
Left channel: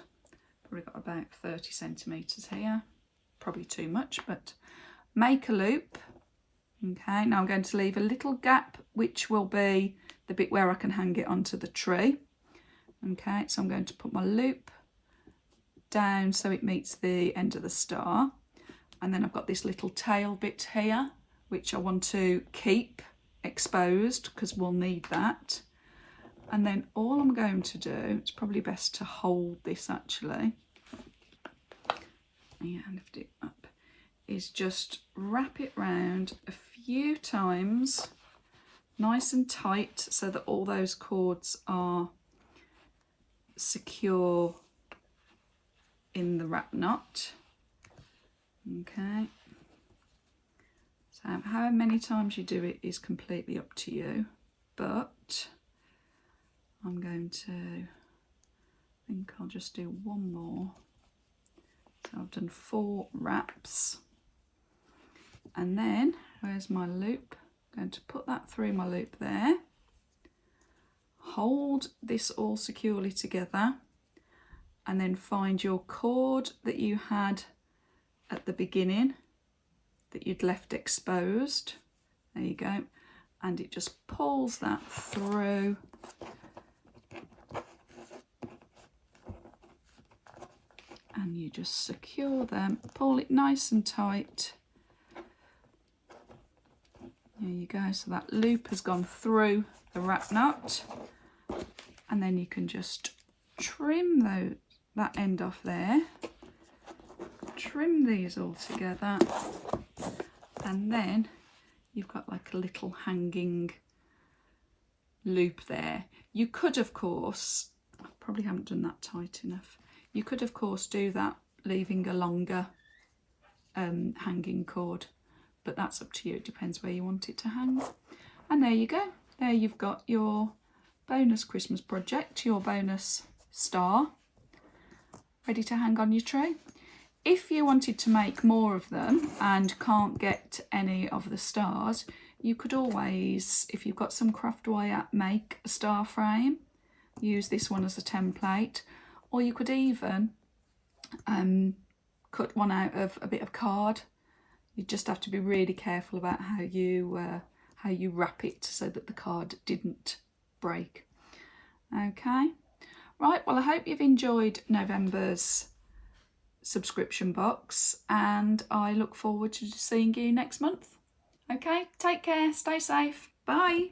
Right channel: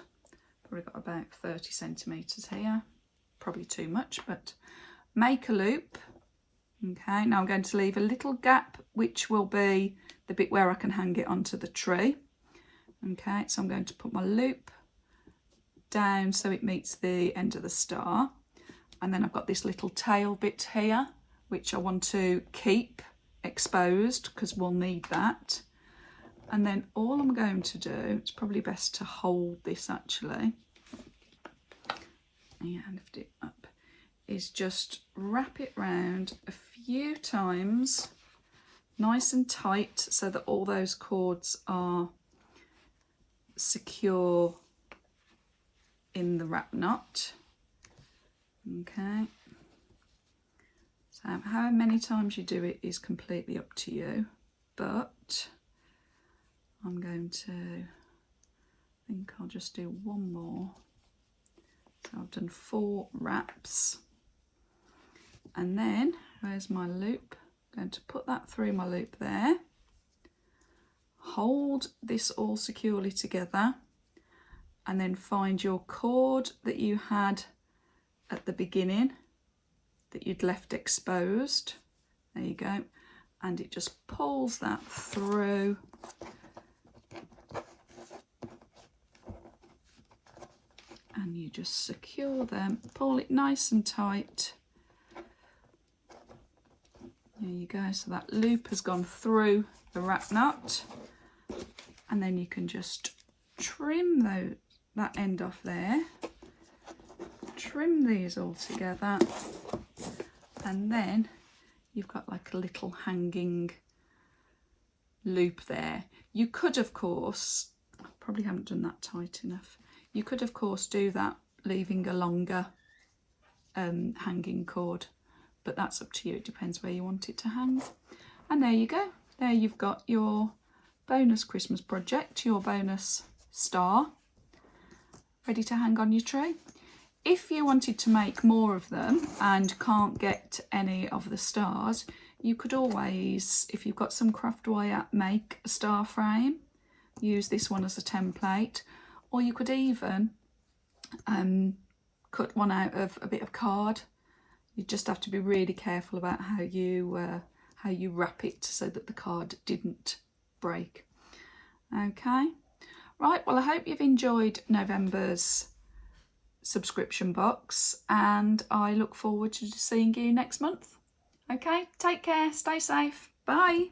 Probably got about 30 centimeters here, probably too much, but make a loop. Okay, now I'm going to leave a little gap, which will be the bit where I can hang it onto the tree. Okay, so I'm going to put my loop down so it meets the end of the star, and then I've got this little tail bit here which I want to keep exposed because we'll need that. And then all I'm going to do, it's probably best to hold this actually, yeah, lift it up, is just wrap it round a few times nice and tight so that all those cords are secure in the wrap knot. Okay, so how many times you do it is completely up to you, but I'm going to, I think I'll just do one more So I've done 4 wraps, and then where's my loop? I'm going to put that through my loop there, hold this all securely together, and then find your cord that you had at the beginning that you'd left exposed. There you go, and it just pulls that through. And you just secure them, pull it nice and tight. There you go, so that loop has gone through the wrap nut, and then you can just trim that end off there, trim these all together, and then you've got like a little hanging loop there. You could, of course, I probably haven't done that tight enough. You could, of course, do that leaving a longer hanging cord, but that's up to you. It depends where you want it to hang. And there you go. There you've got your bonus Christmas project, your bonus star, ready to hang on your tree. If you wanted to make more of them and can't get any of the stars, you could always, if you've got some craft wire, make a star frame. Use this one as a template. Or you could even cut one out of a bit of card. You just have to be really careful about how you wrap it so that the card didn't break. Okay, right, well I hope you've enjoyed November's subscription box, and I look forward to seeing you next month. Okay, take care, stay safe, bye.